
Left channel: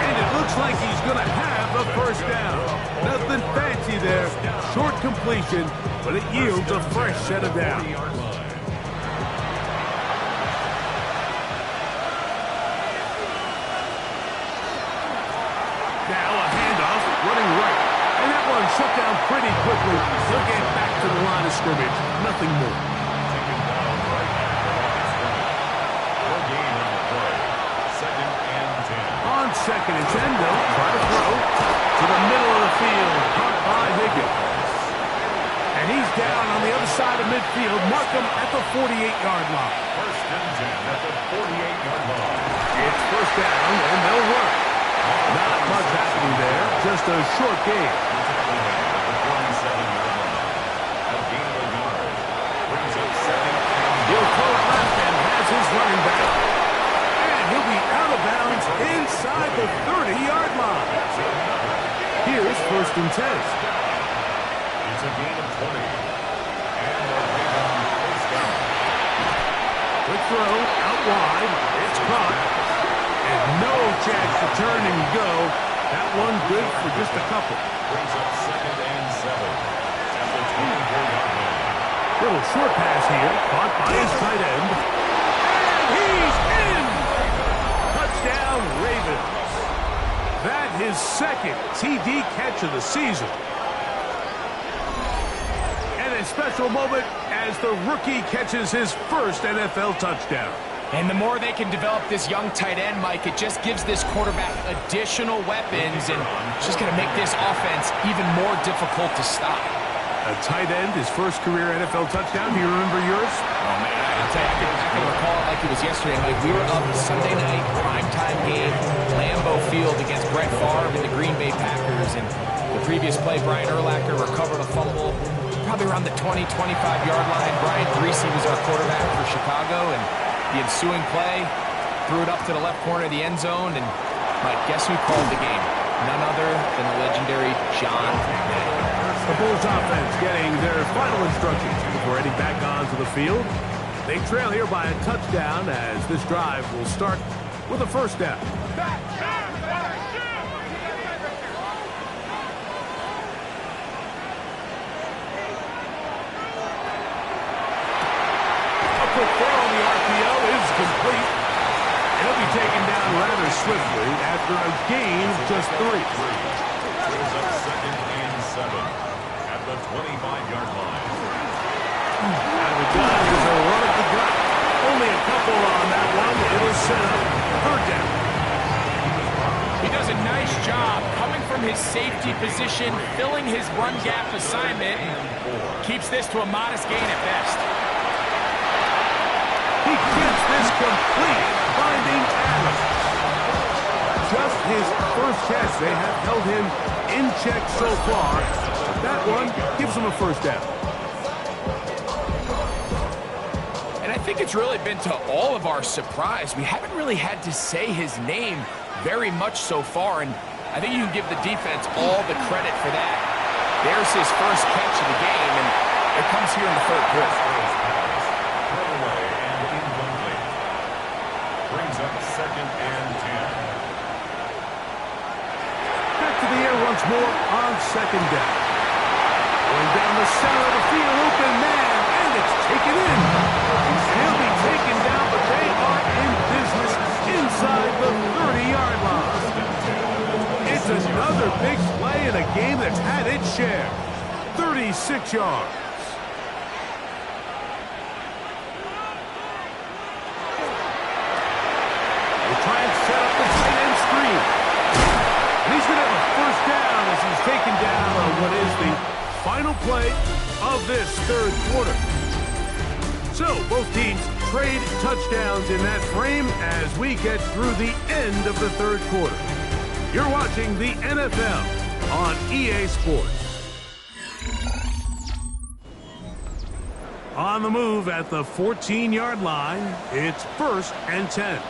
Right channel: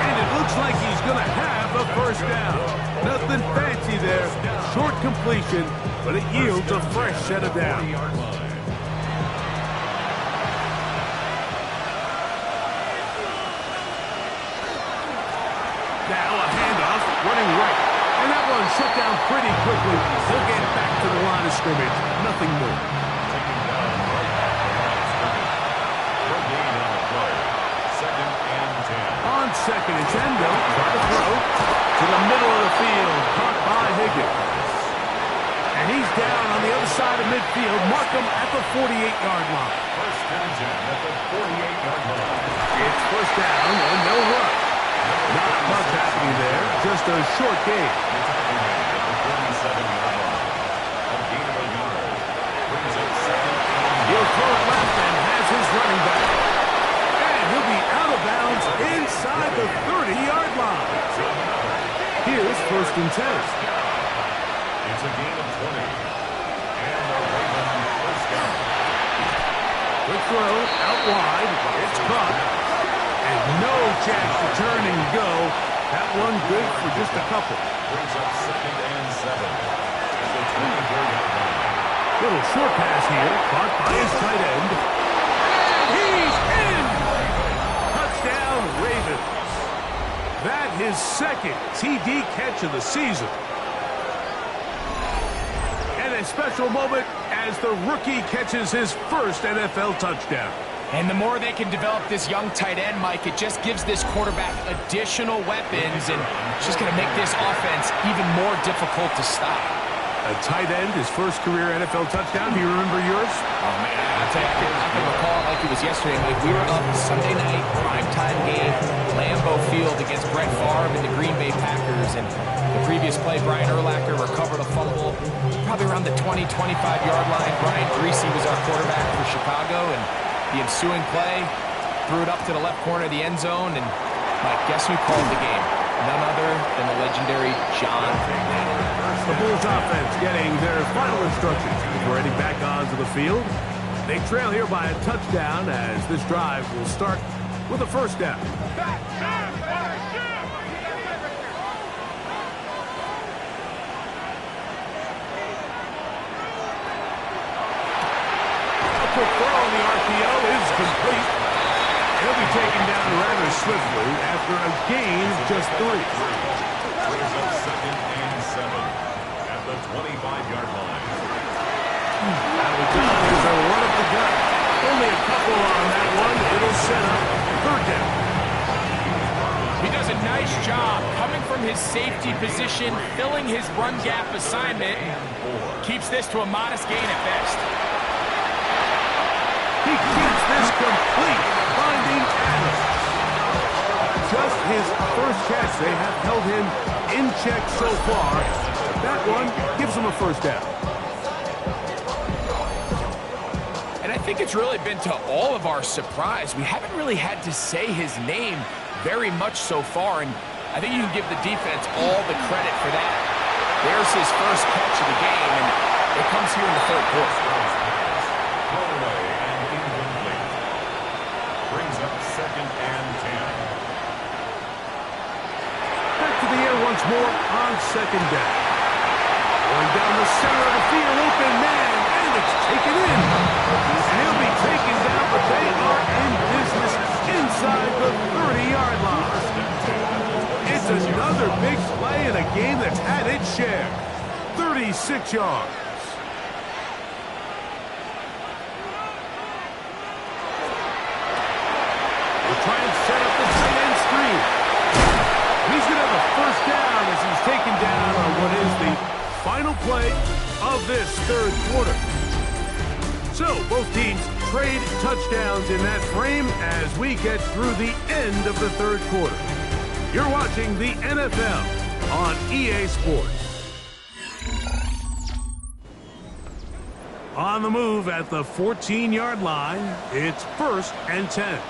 And it looks like he's going to have the first down. Nothing fancy there. Short completion, but it yields a fresh set of downs. 3-yard line. Now a handoff, running right. And that one shut down pretty quickly. He'll get back to the line of scrimmage. Nothing more. Taken down right at the line of scrimmage. No gain on the play. 2nd and 10. On 2nd and 10, they'll try to throw to the middle of the field. Caught by Higgins. And he's down on the other side of midfield. Mark him at the 48-yard line. 1st and 10 at the 48-yard line. It's 1st down, and they'll run. Not much happening there. Just a short gain. The tackle man at the 47-yard line. A gain of a yard. Brings up 2nd and He'll throw it left and has his running back. And he'll be out of bounds inside the 30-yard line. Here's 1st and 10. It's a gain of 20. And the Ravens first down. Quick throw out wide. It's caught. And no chance to turn and go. That one good for just a couple. Brings up 2nd and 7 at the 24-yard line. Little short pass here. Caught by his tight end. And he's in! Touchdown, Ravens. That his 2nd TD catch of the season. And a special moment as the rookie catches his first NFL touchdown. And the more they can develop this young tight end, Mike, it just gives this quarterback additional weapons, and it's just going to make this offense even more difficult to stop. A tight end, his first career NFL touchdown. Do you remember yours? Oh, man, I'll tell you, I can recall it like it was yesterday, Mike. We were up Sunday night, primetime game, Lambeau Field against Brett Favre and the Green Bay Packers. And the previous play, Brian Urlacher recovered a fumble probably around the 20, 25-yard line. Brian Griese was our quarterback for Chicago, and the ensuing play threw it up to the left corner of the end zone. And, Mike, guess who called the game? None other than the legendary John Madden. The Bulls offense getting their final instructions before heading back onto the field. They trail here by a touchdown as this drive will start with a 1st down. A quick throw on the RPO is complete. He'll be taken down rather swiftly after a gain of just 3. Brings up 2nd and 7 at the 25-yard line. Out of the gun, here's a run up the gut. Only a couple on that one. It'll set up 3rd down. He does a nice job coming from his safety position, filling his run gap assignment, and keeps this to a modest gain at best. He gets this complete, finding Adams. Just his first catch. They have held him in check so far. But that one gives him a 1st down. And I think it's really been to all of our surprise. We haven't really had to say his name very much so far, and I think you can give the defense all the credit for that. There's his first catch of the game, and it comes here in the 3rd quarter. Throw away and incomplete. Brings up 2nd and 10. Back to the air once more on 2nd down. Going down the center of the field, open man, and it's taken in. And he'll be taken down, but they are in business inside the 30-yard line. It's another big play in a game that's had its share. 36 yards. We'll try and set up the tight end screen. And he's going to have a 1st down as he's taken down on what is the final play of this 3rd quarter. So both teams trade touchdowns in that frame as we get through the end of the 3rd quarter. You're watching the NFL on EA Sports. On the move at the 14-yard line, it's 1st and 10.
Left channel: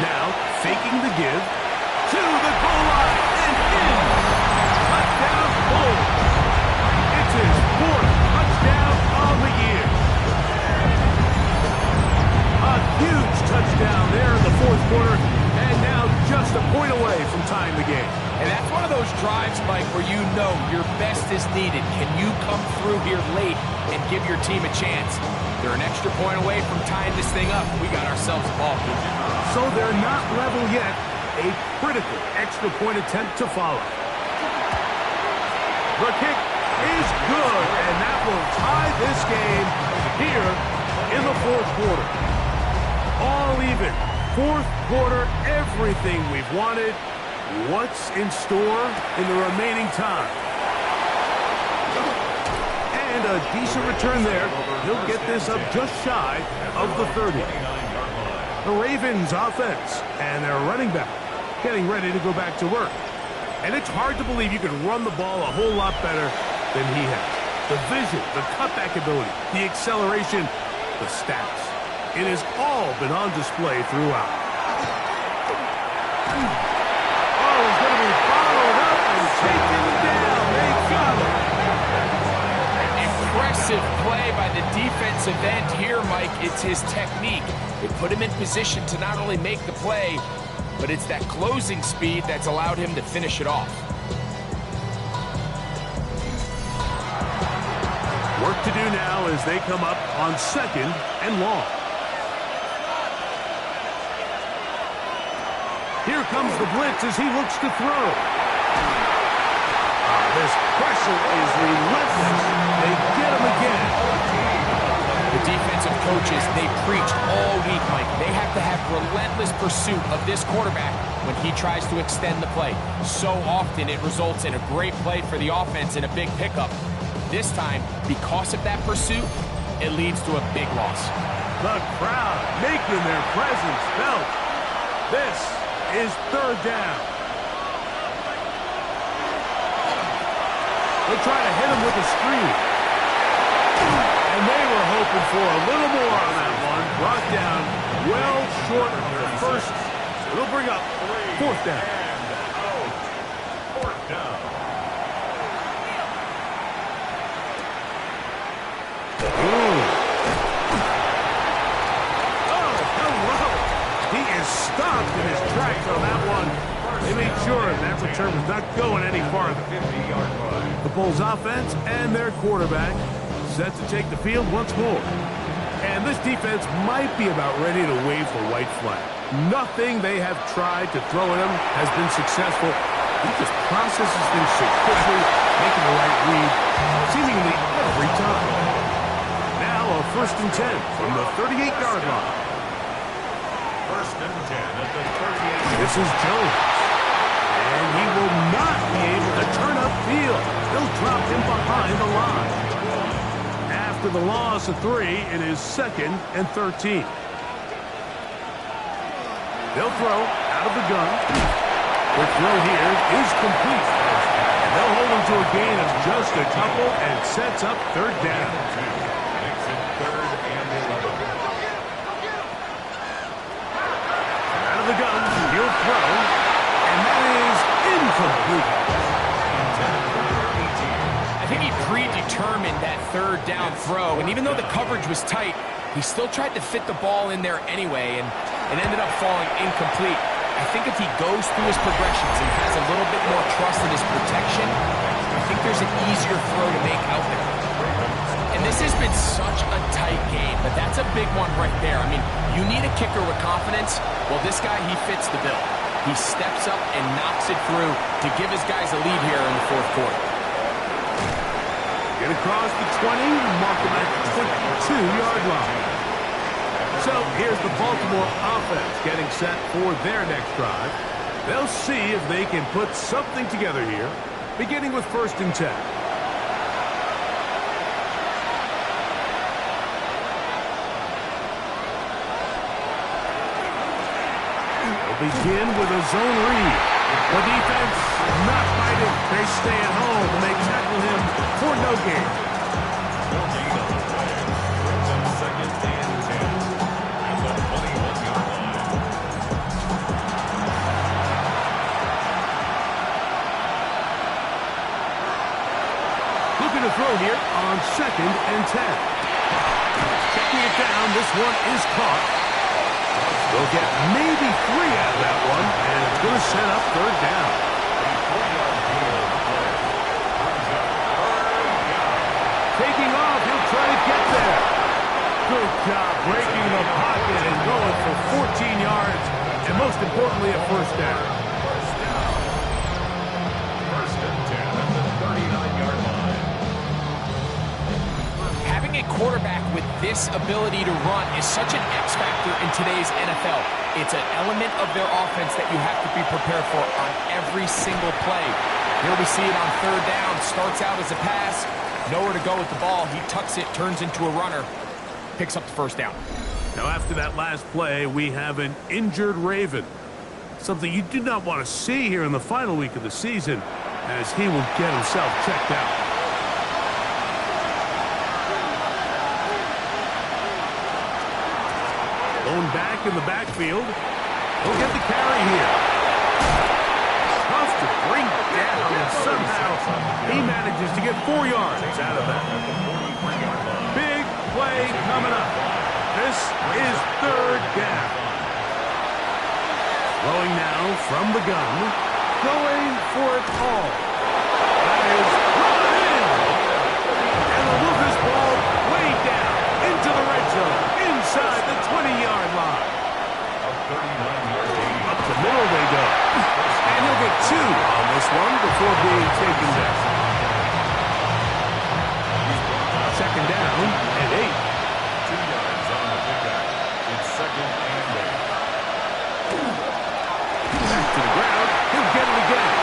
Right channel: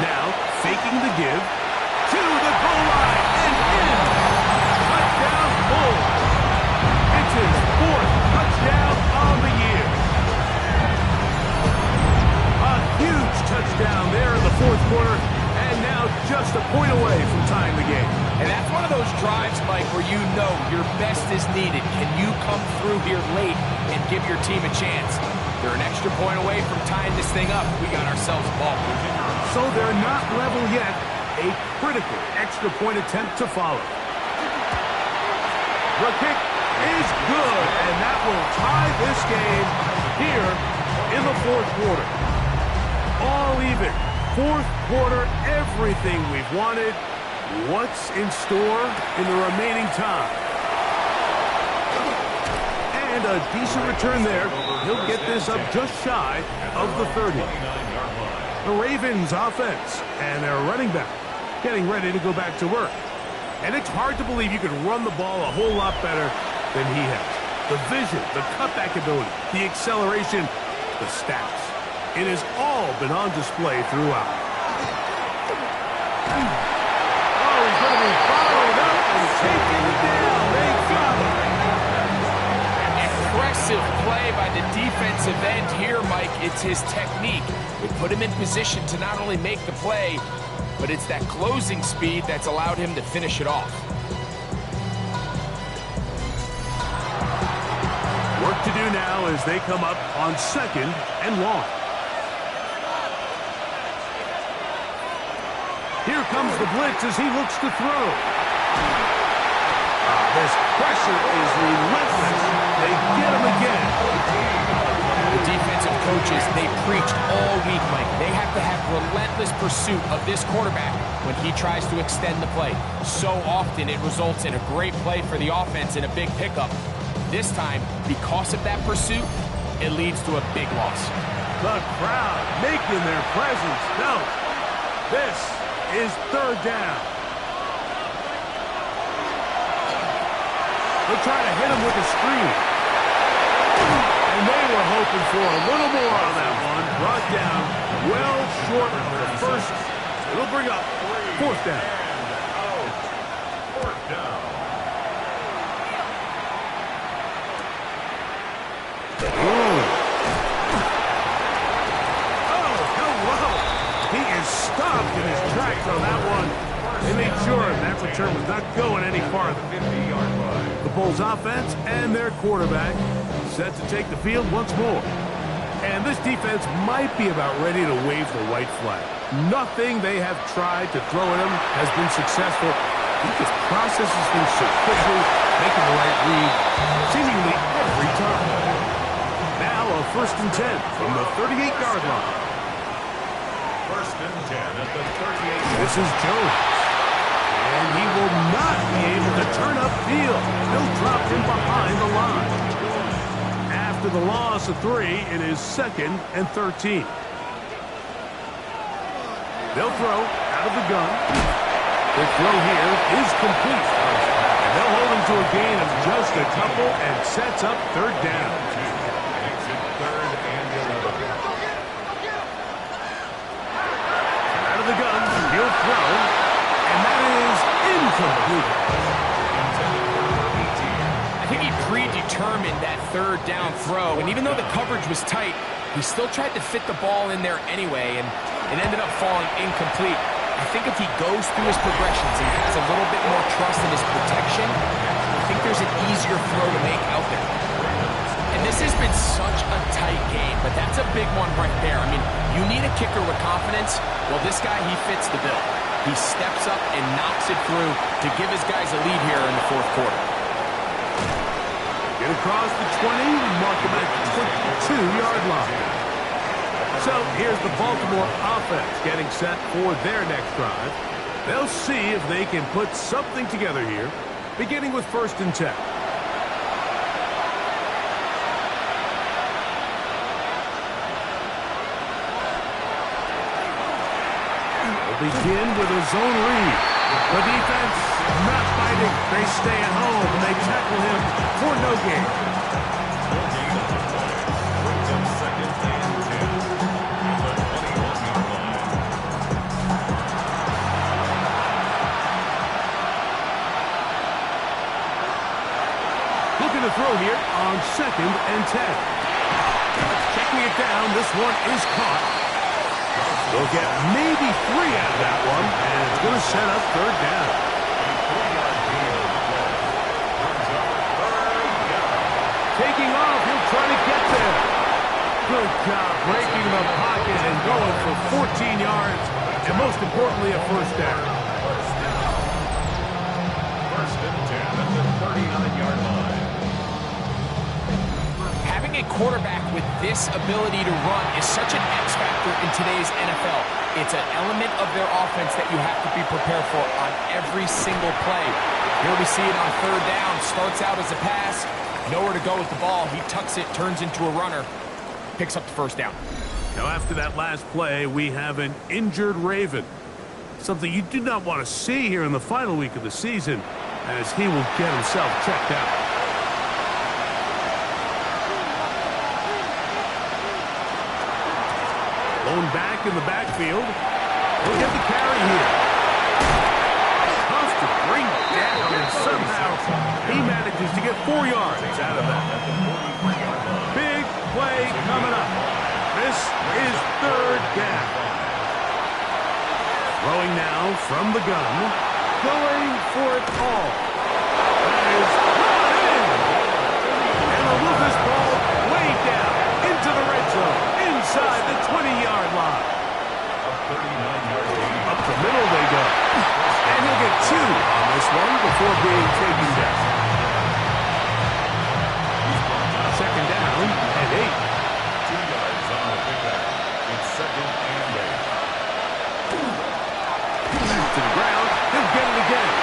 Now, faking the give, to the goal line, and in. Touchdown, Bulls. It's his 4th touchdown on the year. A huge touchdown there in the 4th quarter, and now just a point away from tying the game. And that's one of those drives, Mike, where you know your best is needed. Can you come through here late and give your team a chance? They're an extra point away from tying this thing up. We got ourselves a ball. So they're not level yet, a critical extra point attempt to follow. The kick is good, and that will tie this game here in the fourth quarter. All even. Fourth quarter, everything we've wanted. What's in store in the remaining time? And a decent return there. He'll get this up just shy of the 30. The Ravens offense and their running back getting ready to go back to work. And it's hard to believe you can run the ball a whole lot better than he has. The vision, the cutback ability, the acceleration, the stats. It has all been on display throughout. Oh, he's going to be followed up and taken down. They got him. Impressive play by the defensive end here, Mike. It's his technique. It put him in position to not only make the play, but it's that closing speed that's allowed him to finish it off. Work to do now as they come up on 2nd and long. Here comes the blitz as he looks to throw. This pressure is relentless. They get him again. The defensive coaches, they preached all week, Mike. They have to have relentless pursuit of this quarterback when he tries to extend the play. So often it results in a great play for the offense and a big pickup. This time, because of that pursuit, it leads to a big loss. The crowd making their presence felt. This is 3rd down. They'll try to hit him with a screen. And they were hoping for a little more on that one. Brought down well short of the first. So it'll bring up 4th down. And out. 4th down. Oh, hello. He is stopped in his tracks on that one. They made sure that return was not going any farther. 50-yard line. The Bulls offense and their quarterback set to take the field once more. And this defense might be about ready to wave the white flag. Nothing they have tried to throw at him has been successful. He just processes things so quickly, making the right read seemingly every time. Now a 1st and 10 from the 38-yard line. 1st and 10 at the 38. This is Jones. And he will not be able to turn upfield. They'll drop him behind the line. After the loss of 3, it is 2nd and 13. They'll throw out of the gun. Quick throw here is complete. And they'll hold him to a gain of just a couple and sets up 3rd down. Makes it 3rd and 11. Out of the gun, he'll throw. And that is incomplete. Intended for number 18. I think he predetermined that 3rd down throw, and even though the coverage was tight, he still tried to fit the ball in there anyway, and it ended up falling incomplete. I think if he goes through his progressions and has a little bit more trust in his protection, I think there's an easier throw to make out there. And this has been such a tight game, but that's a big one right there. I mean, you need a kicker with confidence. Well, this guy, he fits the bill. He steps up and knocks it through to give his guys a lead here in the 4th quarter. Get across the 20, mark him at the 22-yard line. So here's the Baltimore offense getting set for their next drive. They'll see if they can put something together here, beginning with 1st and 10. They'll begin with a zone read. The defense not fighting. They stay at home and they tackle him for no gain. No gain on the play. Brings up 2nd and 10 at the 21-yard line. Looking to throw here on 2nd and 10. Checking it down. This one is caught. They'll get maybe 3 out of that one, and it's going to set up 3rd down. A 3-yard gain on the play. Brings up 3rd down. Taking off, he'll try to get there. Good job breaking the pocket and going for 14 yards. and most importantly, a first down. First and 10 at the 39-yard line. Having a quarterback with this ability to run is such an X factor in today's NFL. It's an element of their offense that you have to be prepared for on every single play. Here we see it on third down. Starts out as a pass. Nowhere to go with the ball. He tucks it, turns into a runner. Picks up the first down. Now, after that last play, we have an injured Raven. Something you do not want to see here in the final week of the season, as he will get himself checked out. Lone back in the backfield. He'll get the carry here. Tough to bring down, and somehow he manages to get 4 yards out of that. Big play coming up. This is third down. Throwing now from the gun. Going for it all. That is brought in. And they'll move this ball way down into the red zone. Inside the 20-yard line. Up the middle they go. And he'll get 2 on this one before being taken down. Second down and 8. 2 yards on the pickup. It's second and 8. Back to the ground. He'll get it again.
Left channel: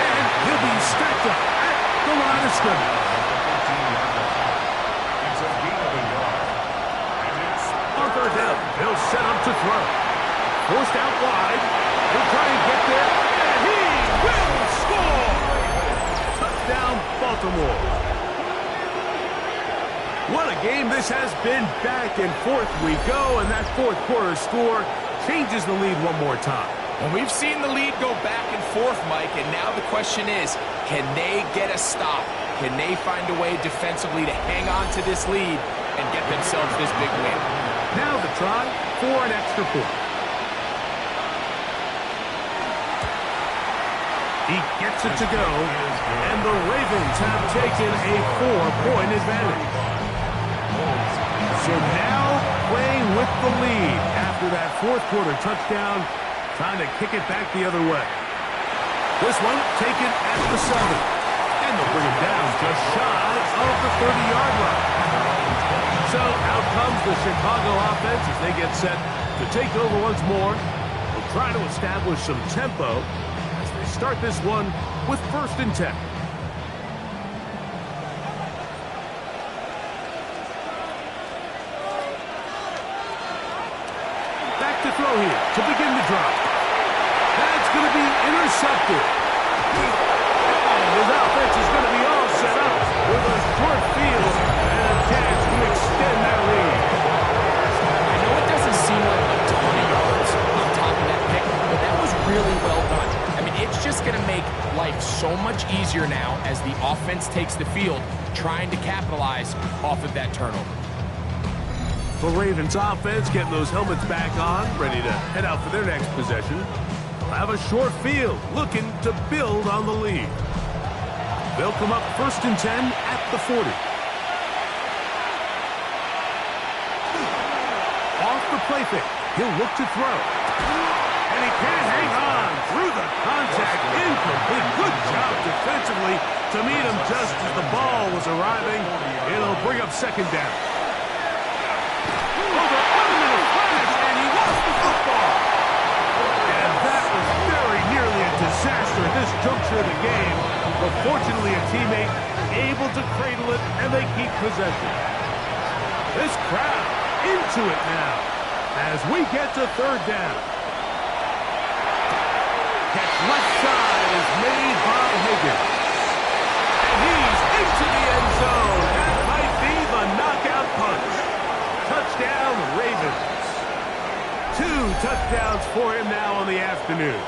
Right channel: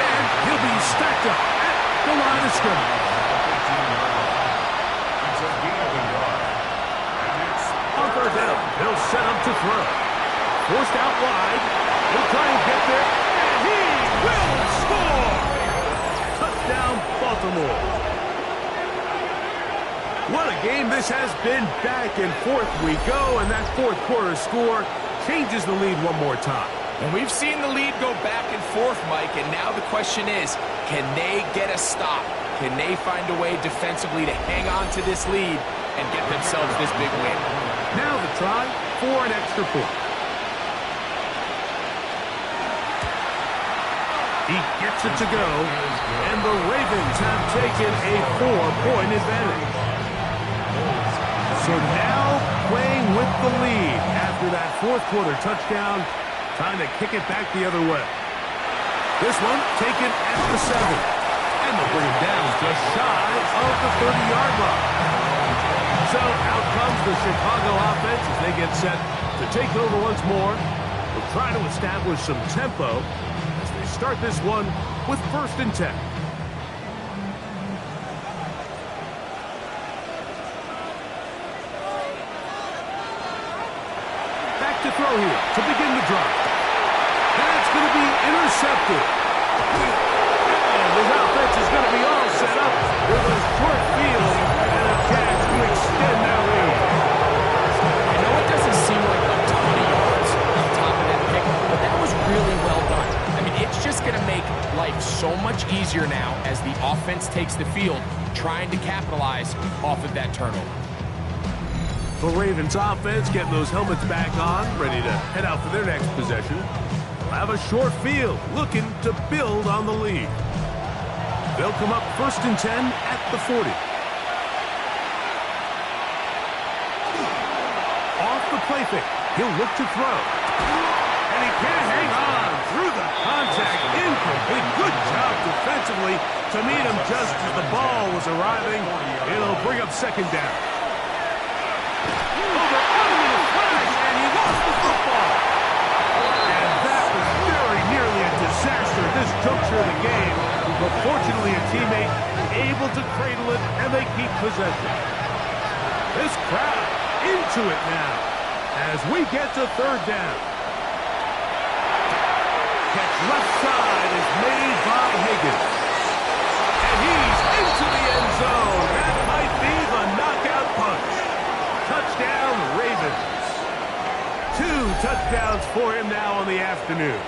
And he'll be stacked up at the line of scrimmage. It's a gain of a yard. And it's On third down, he'll set up to throw. Forced out wide. He'll try and get there. And he will score! Touchdown, Baltimore. What a game this has been. Back and forth we go, and that fourth quarter score changes the lead one more time. And we've seen the lead go back and forth, Mike, and now the question is, can they get a stop? Can they find a way defensively to hang on to this lead and get themselves this big win? Now the try for an extra point. He gets it to go, and the Ravens have taken a 4-point advantage. So now playing with the lead after that fourth quarter touchdown, trying to kick it back the other way. This one taken at the 7. And they'll bring him down just shy of the 30-yard line. So out comes the Chicago offense as they get set to take over once more. They'll try to establish some tempo as they start this one with first and 10. Back to throw here to begin the drive. That's going to be intercepted. And his offense is going to be all set up with a short field and a chance to extend their lead. I know it doesn't seem like a ton of yards on top of that pick, but that was really well done. I mean, it's just going to make life so much easier now as the offense takes the field, trying to capitalize off of that turnover. The Ravens offense getting those helmets back on, ready to head out for their next possession. They'll have a short field, looking to build on the lead. They'll come up first and 10 at the 40. Off the play fake, he'll look to throw. And he can't hang on through the contact. Incomplete. Good job defensively to meet him just as the ball was arriving. It'll bring up second down. Over on him in a flash, and he lost the football. And that was very nearly a disaster at this juncture of the game. But fortunately, a teammate able to cradle it, and they keep possession. This crowd into it now as we get to third down. Catch left side is made by Higgins. And he's into the end zone. That might be the knockout punch. Touchdown, Ravens. 2 touchdowns for him now on the afternoon.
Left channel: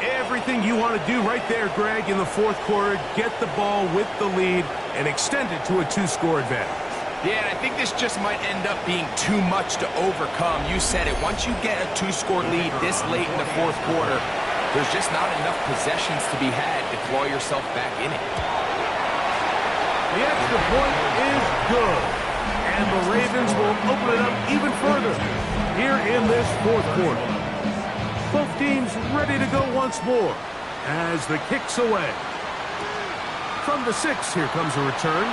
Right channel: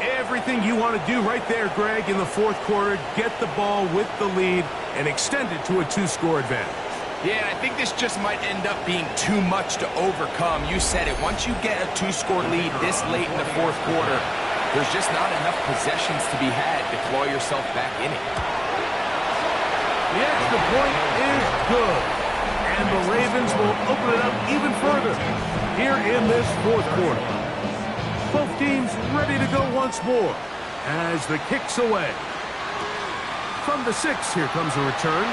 Everything you want to do right there, Greg, in the fourth quarter, get the ball with the lead and extend it to a 2-score advantage. Yeah, and I think this just might end up being too much to overcome. You said it. Once you get a 2-score lead this late in the fourth quarter, there's just not enough possessions to be had to claw yourself back in it. The extra point is good. And the Ravens will open it up even further here in this fourth quarter. Both teams ready to go once more as the kick's away. From the 6, here comes a return.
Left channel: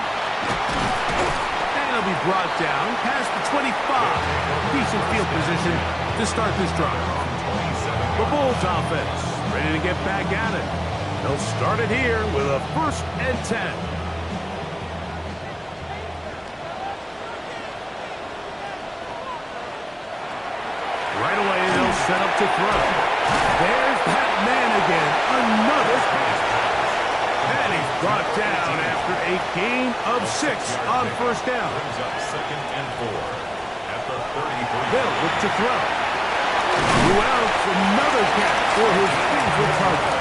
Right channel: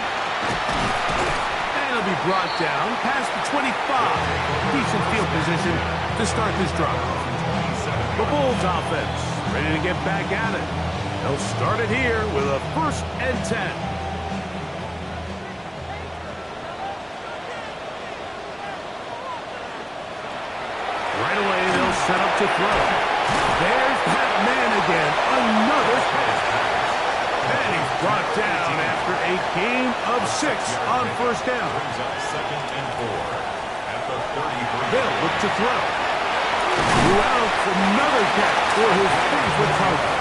And it'll be brought down past the 25. Decent field position to start this drive. The Bulls offense ready to get back at it. They'll start it here with a 1st and 10. Right away, they'll set up to throw. There's that man again. Another pass. And he's brought down after a gain of 6 on 1st down. Brings up 2nd and 4 at the 33. They'll look to throw. Well, another catch for his favorite target.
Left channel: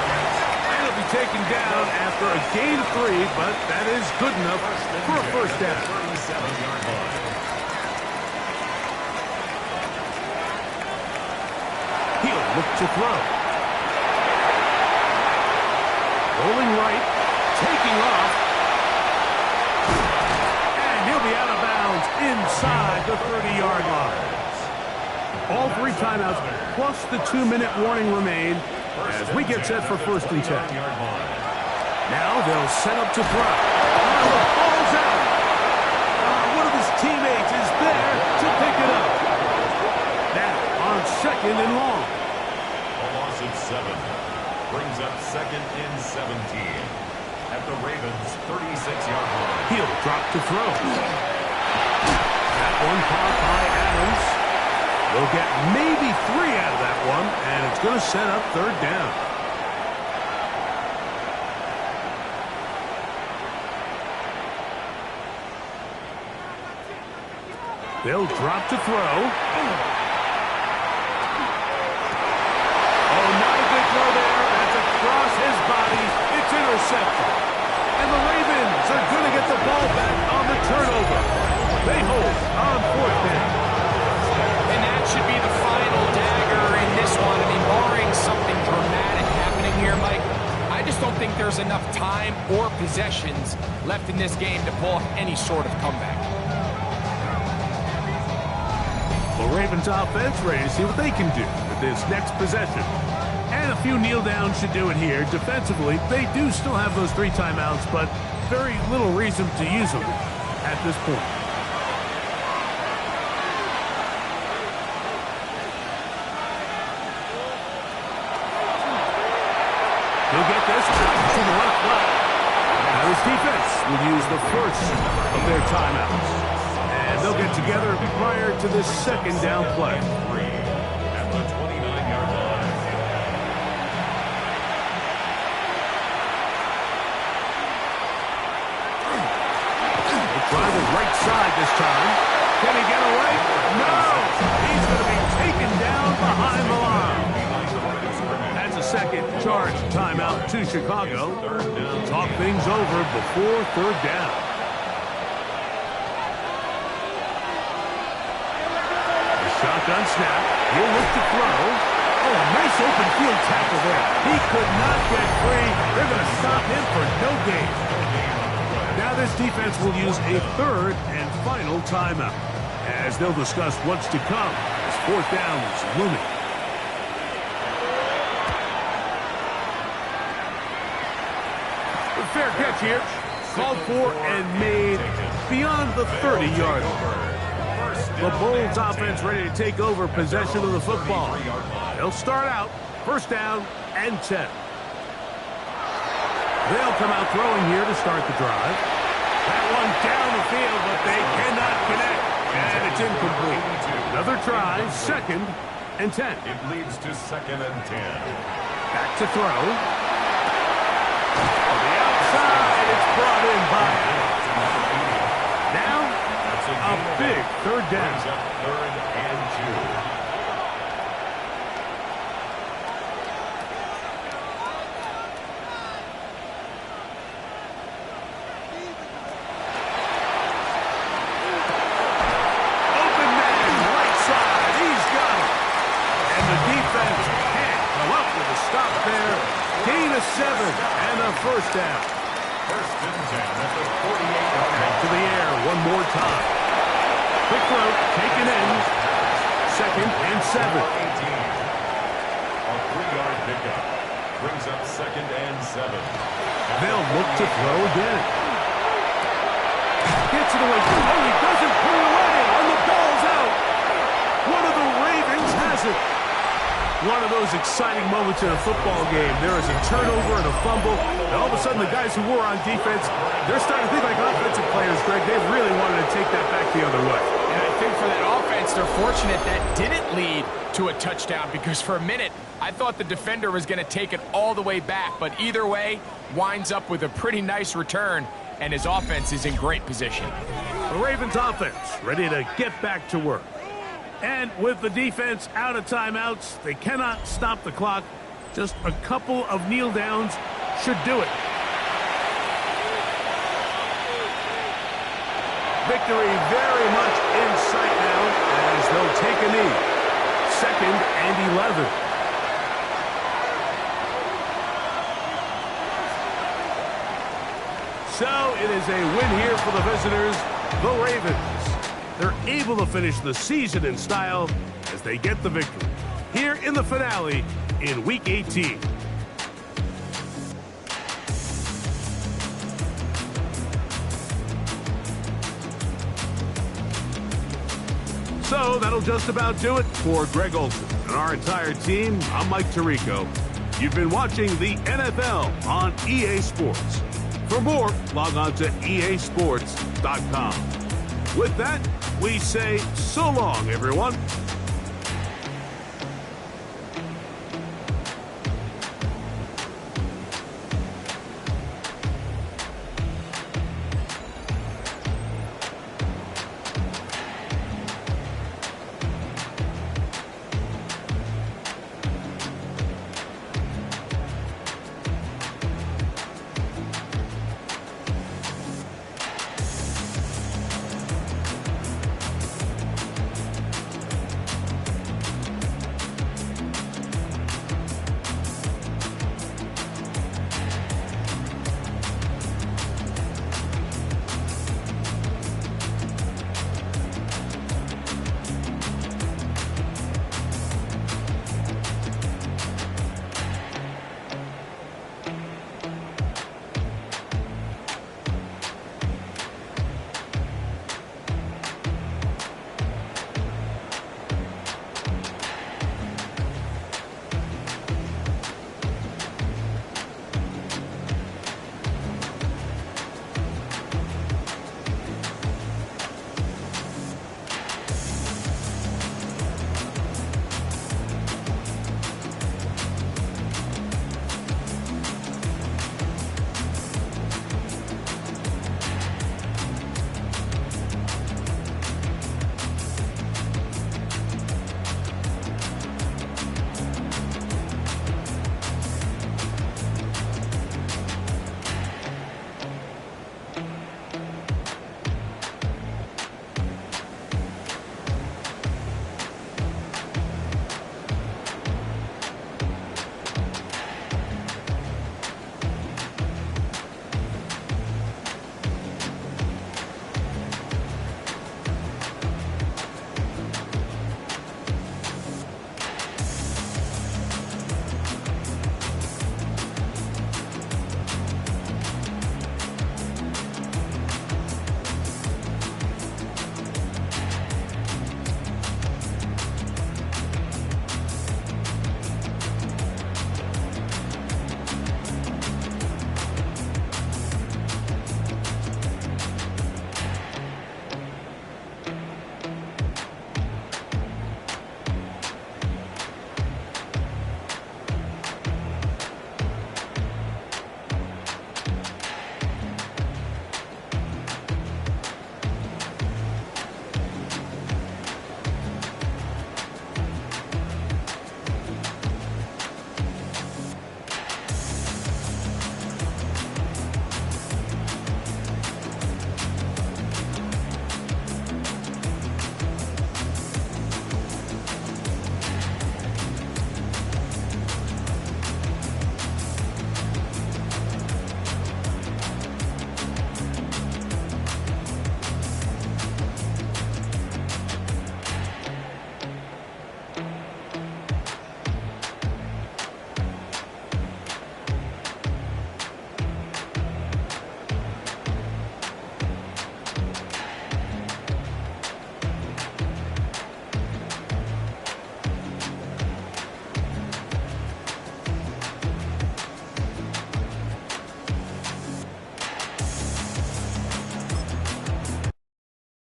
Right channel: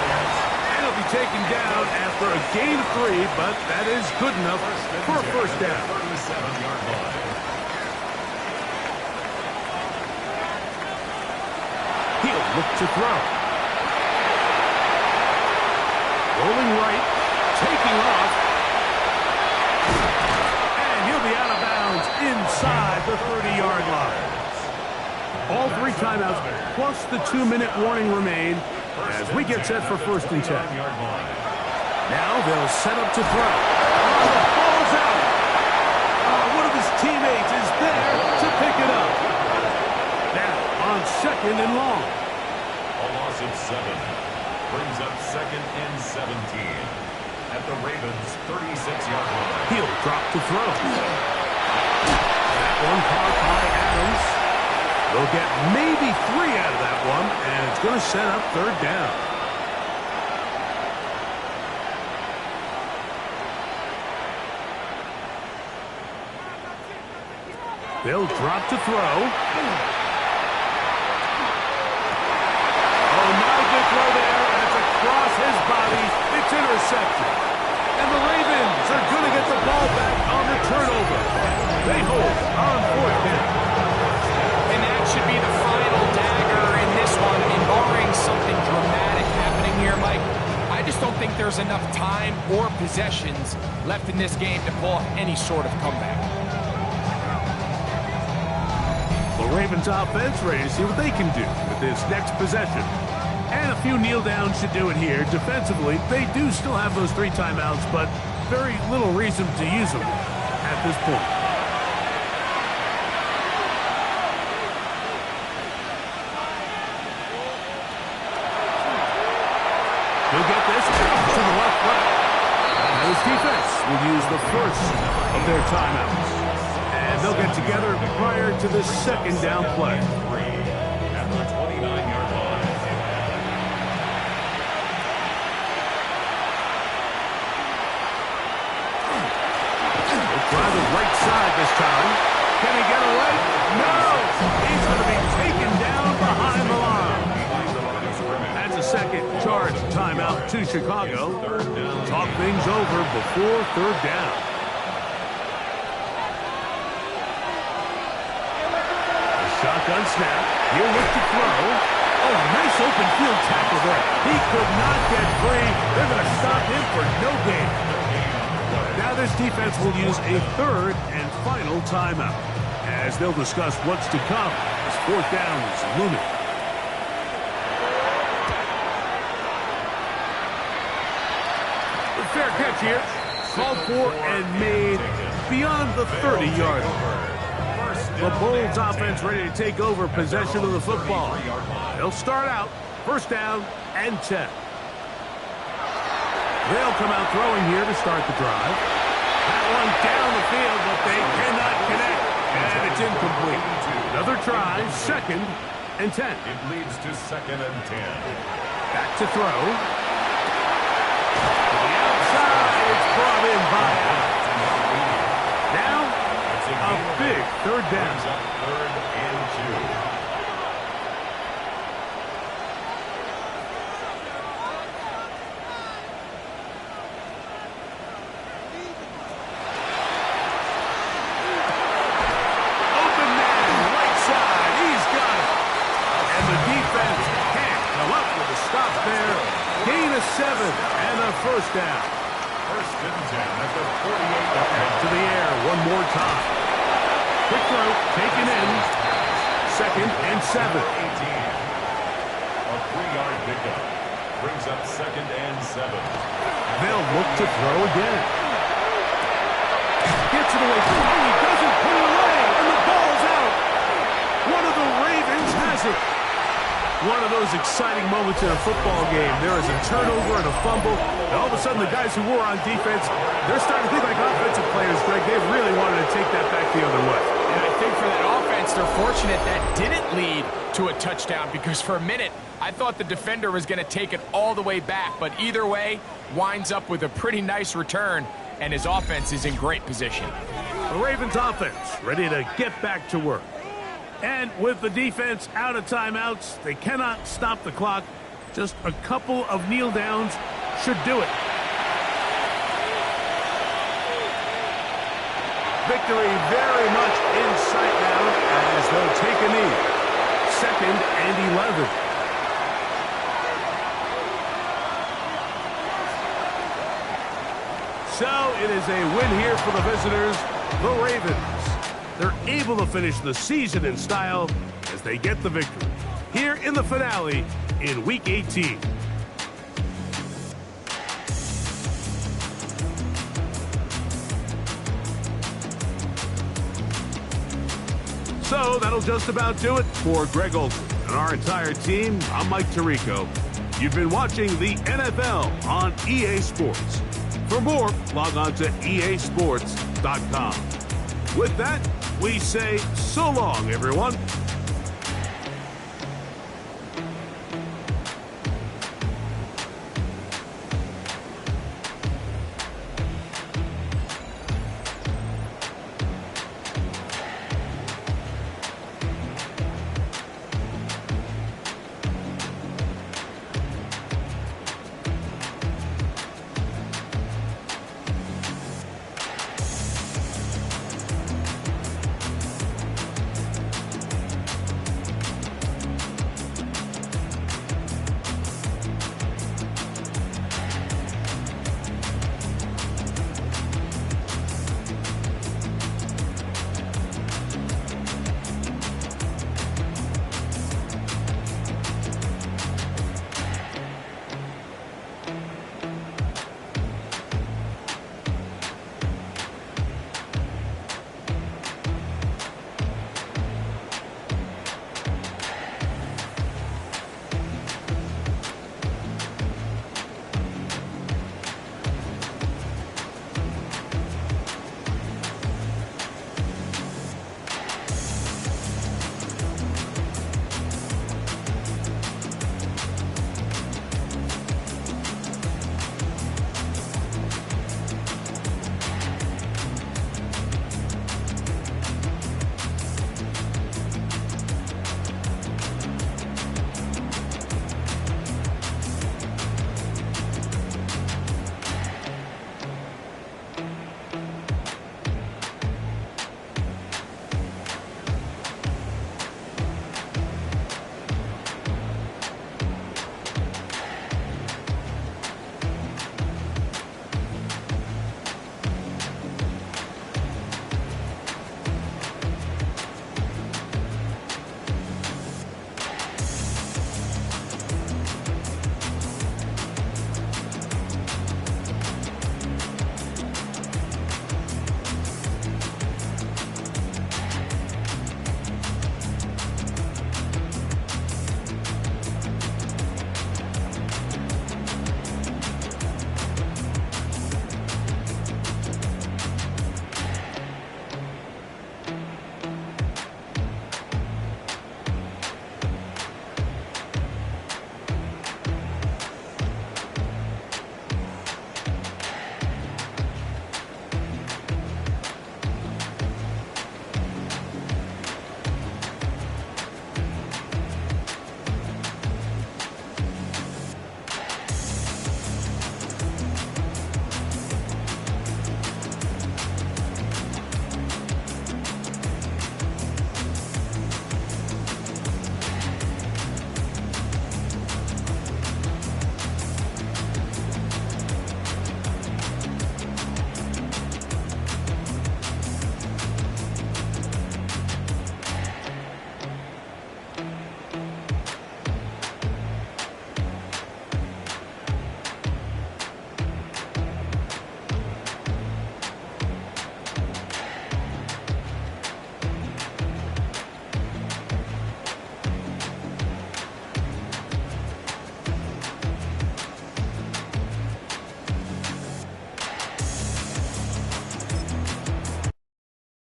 And he'll be taken down after a gain of 3, but that is good enough for a 1st down. 37-yard line. He'll look to throw. Rolling right, taking off. And he'll be out of bounds inside the 30-yard line. All 3 timeouts plus the 2-minute warning remain as we get set for 1st and 10. Now they'll set up to throw. The ball's out. One of his teammates is there to pick it up. Now on 2nd and long. A loss of 7 brings up 2nd and 17 at the Ravens' 36-yard line. He'll drop to throw. That one caught by Adams. They'll get maybe 3 out of that one, and it's going to set up 3rd down. They'll drop to throw. Oh, not a good throw there. That's across his body. It's intercepted. And the Ravens are going to get the ball back on the turnover. They hold on 4th down. And that should be the final dagger in this one. I mean, barring something dramatic happening here, Mike, I just don't think there's enough time or possessions left in this game to pull off any sort of comeback. The Ravens offense ready to see what they can do with this next possession. And a few kneel downs should do it here. Defensively, they do still have those 3 timeouts, but very little reason to use them at this point. He'll get this to the left flat. Now his defense will use the 1st of their timeouts. And they'll get together prior to this 2nd down play. At the 29-yard line. He'll try the right side this time. Can he get away? No! He's going to be taken down behind the line. That's a 2nd charge timeout to Chicago. Talk things over before 3rd down. The shotgun snap. He'll look to throw. Oh, nice open field tackle there. He could not get free. They're going to stop him for no gain. Now this defense will use a 3rd and final timeout as they'll discuss what's to come as 4th down is looming. Fair catch here. Called for and made beyond the 30-yard line. The Bulls offense ready to take over possession of the football. They'll start out 1st down and 10. They'll come out throwing here to start the drive. That one down the field, but they cannot connect. And it's incomplete. Another try, 2nd and 10. It leads to 2nd and 10. Back to throw. It's brought in by Adams. Now, a big 3rd down. Up 3rd and 2. Open man, right side. He's got it. And the defense can't come up with a stop there. Gain of 7 and a 1st down. 1st and 10 at the 48-yard line. Back to the air one more time. Quick throw, taken in. 2nd and 7. 18. A 3-yard pickup. Brings up 2nd and 7. They'll look to throw again. Gets it away. Oh, he doesn't put it away, and the ball's out. One of the Ravens has it. One of those exciting moments in a football game. There is a turnover and a fumble, and all of a sudden the guys who were on defense, they're starting to think like offensive players, Greg. They really wanted to take that back the other way. And I think for that offense, they're fortunate that didn't lead to a touchdown, because for a minute, I thought the defender was going to take it all the way back. But either way, winds up with a pretty nice return, and his offense is in great position. The Ravens offense ready to get back to work. And with the defense out of timeouts, they cannot stop the clock. Just a couple of kneel downs should do it. Victory very much in sight now as they'll take a knee. 2nd and 11. So it is a win here for the visitors, the Ravens. They're able to finish the season in style as they get the victory here in the finale in Week 18. So that'll just about do it for Greg Olsen and our entire team. I'm Mike Tirico. You've been watching the NFL on EA Sports. For more, log on to easports.com. With that, we say so long, everyone.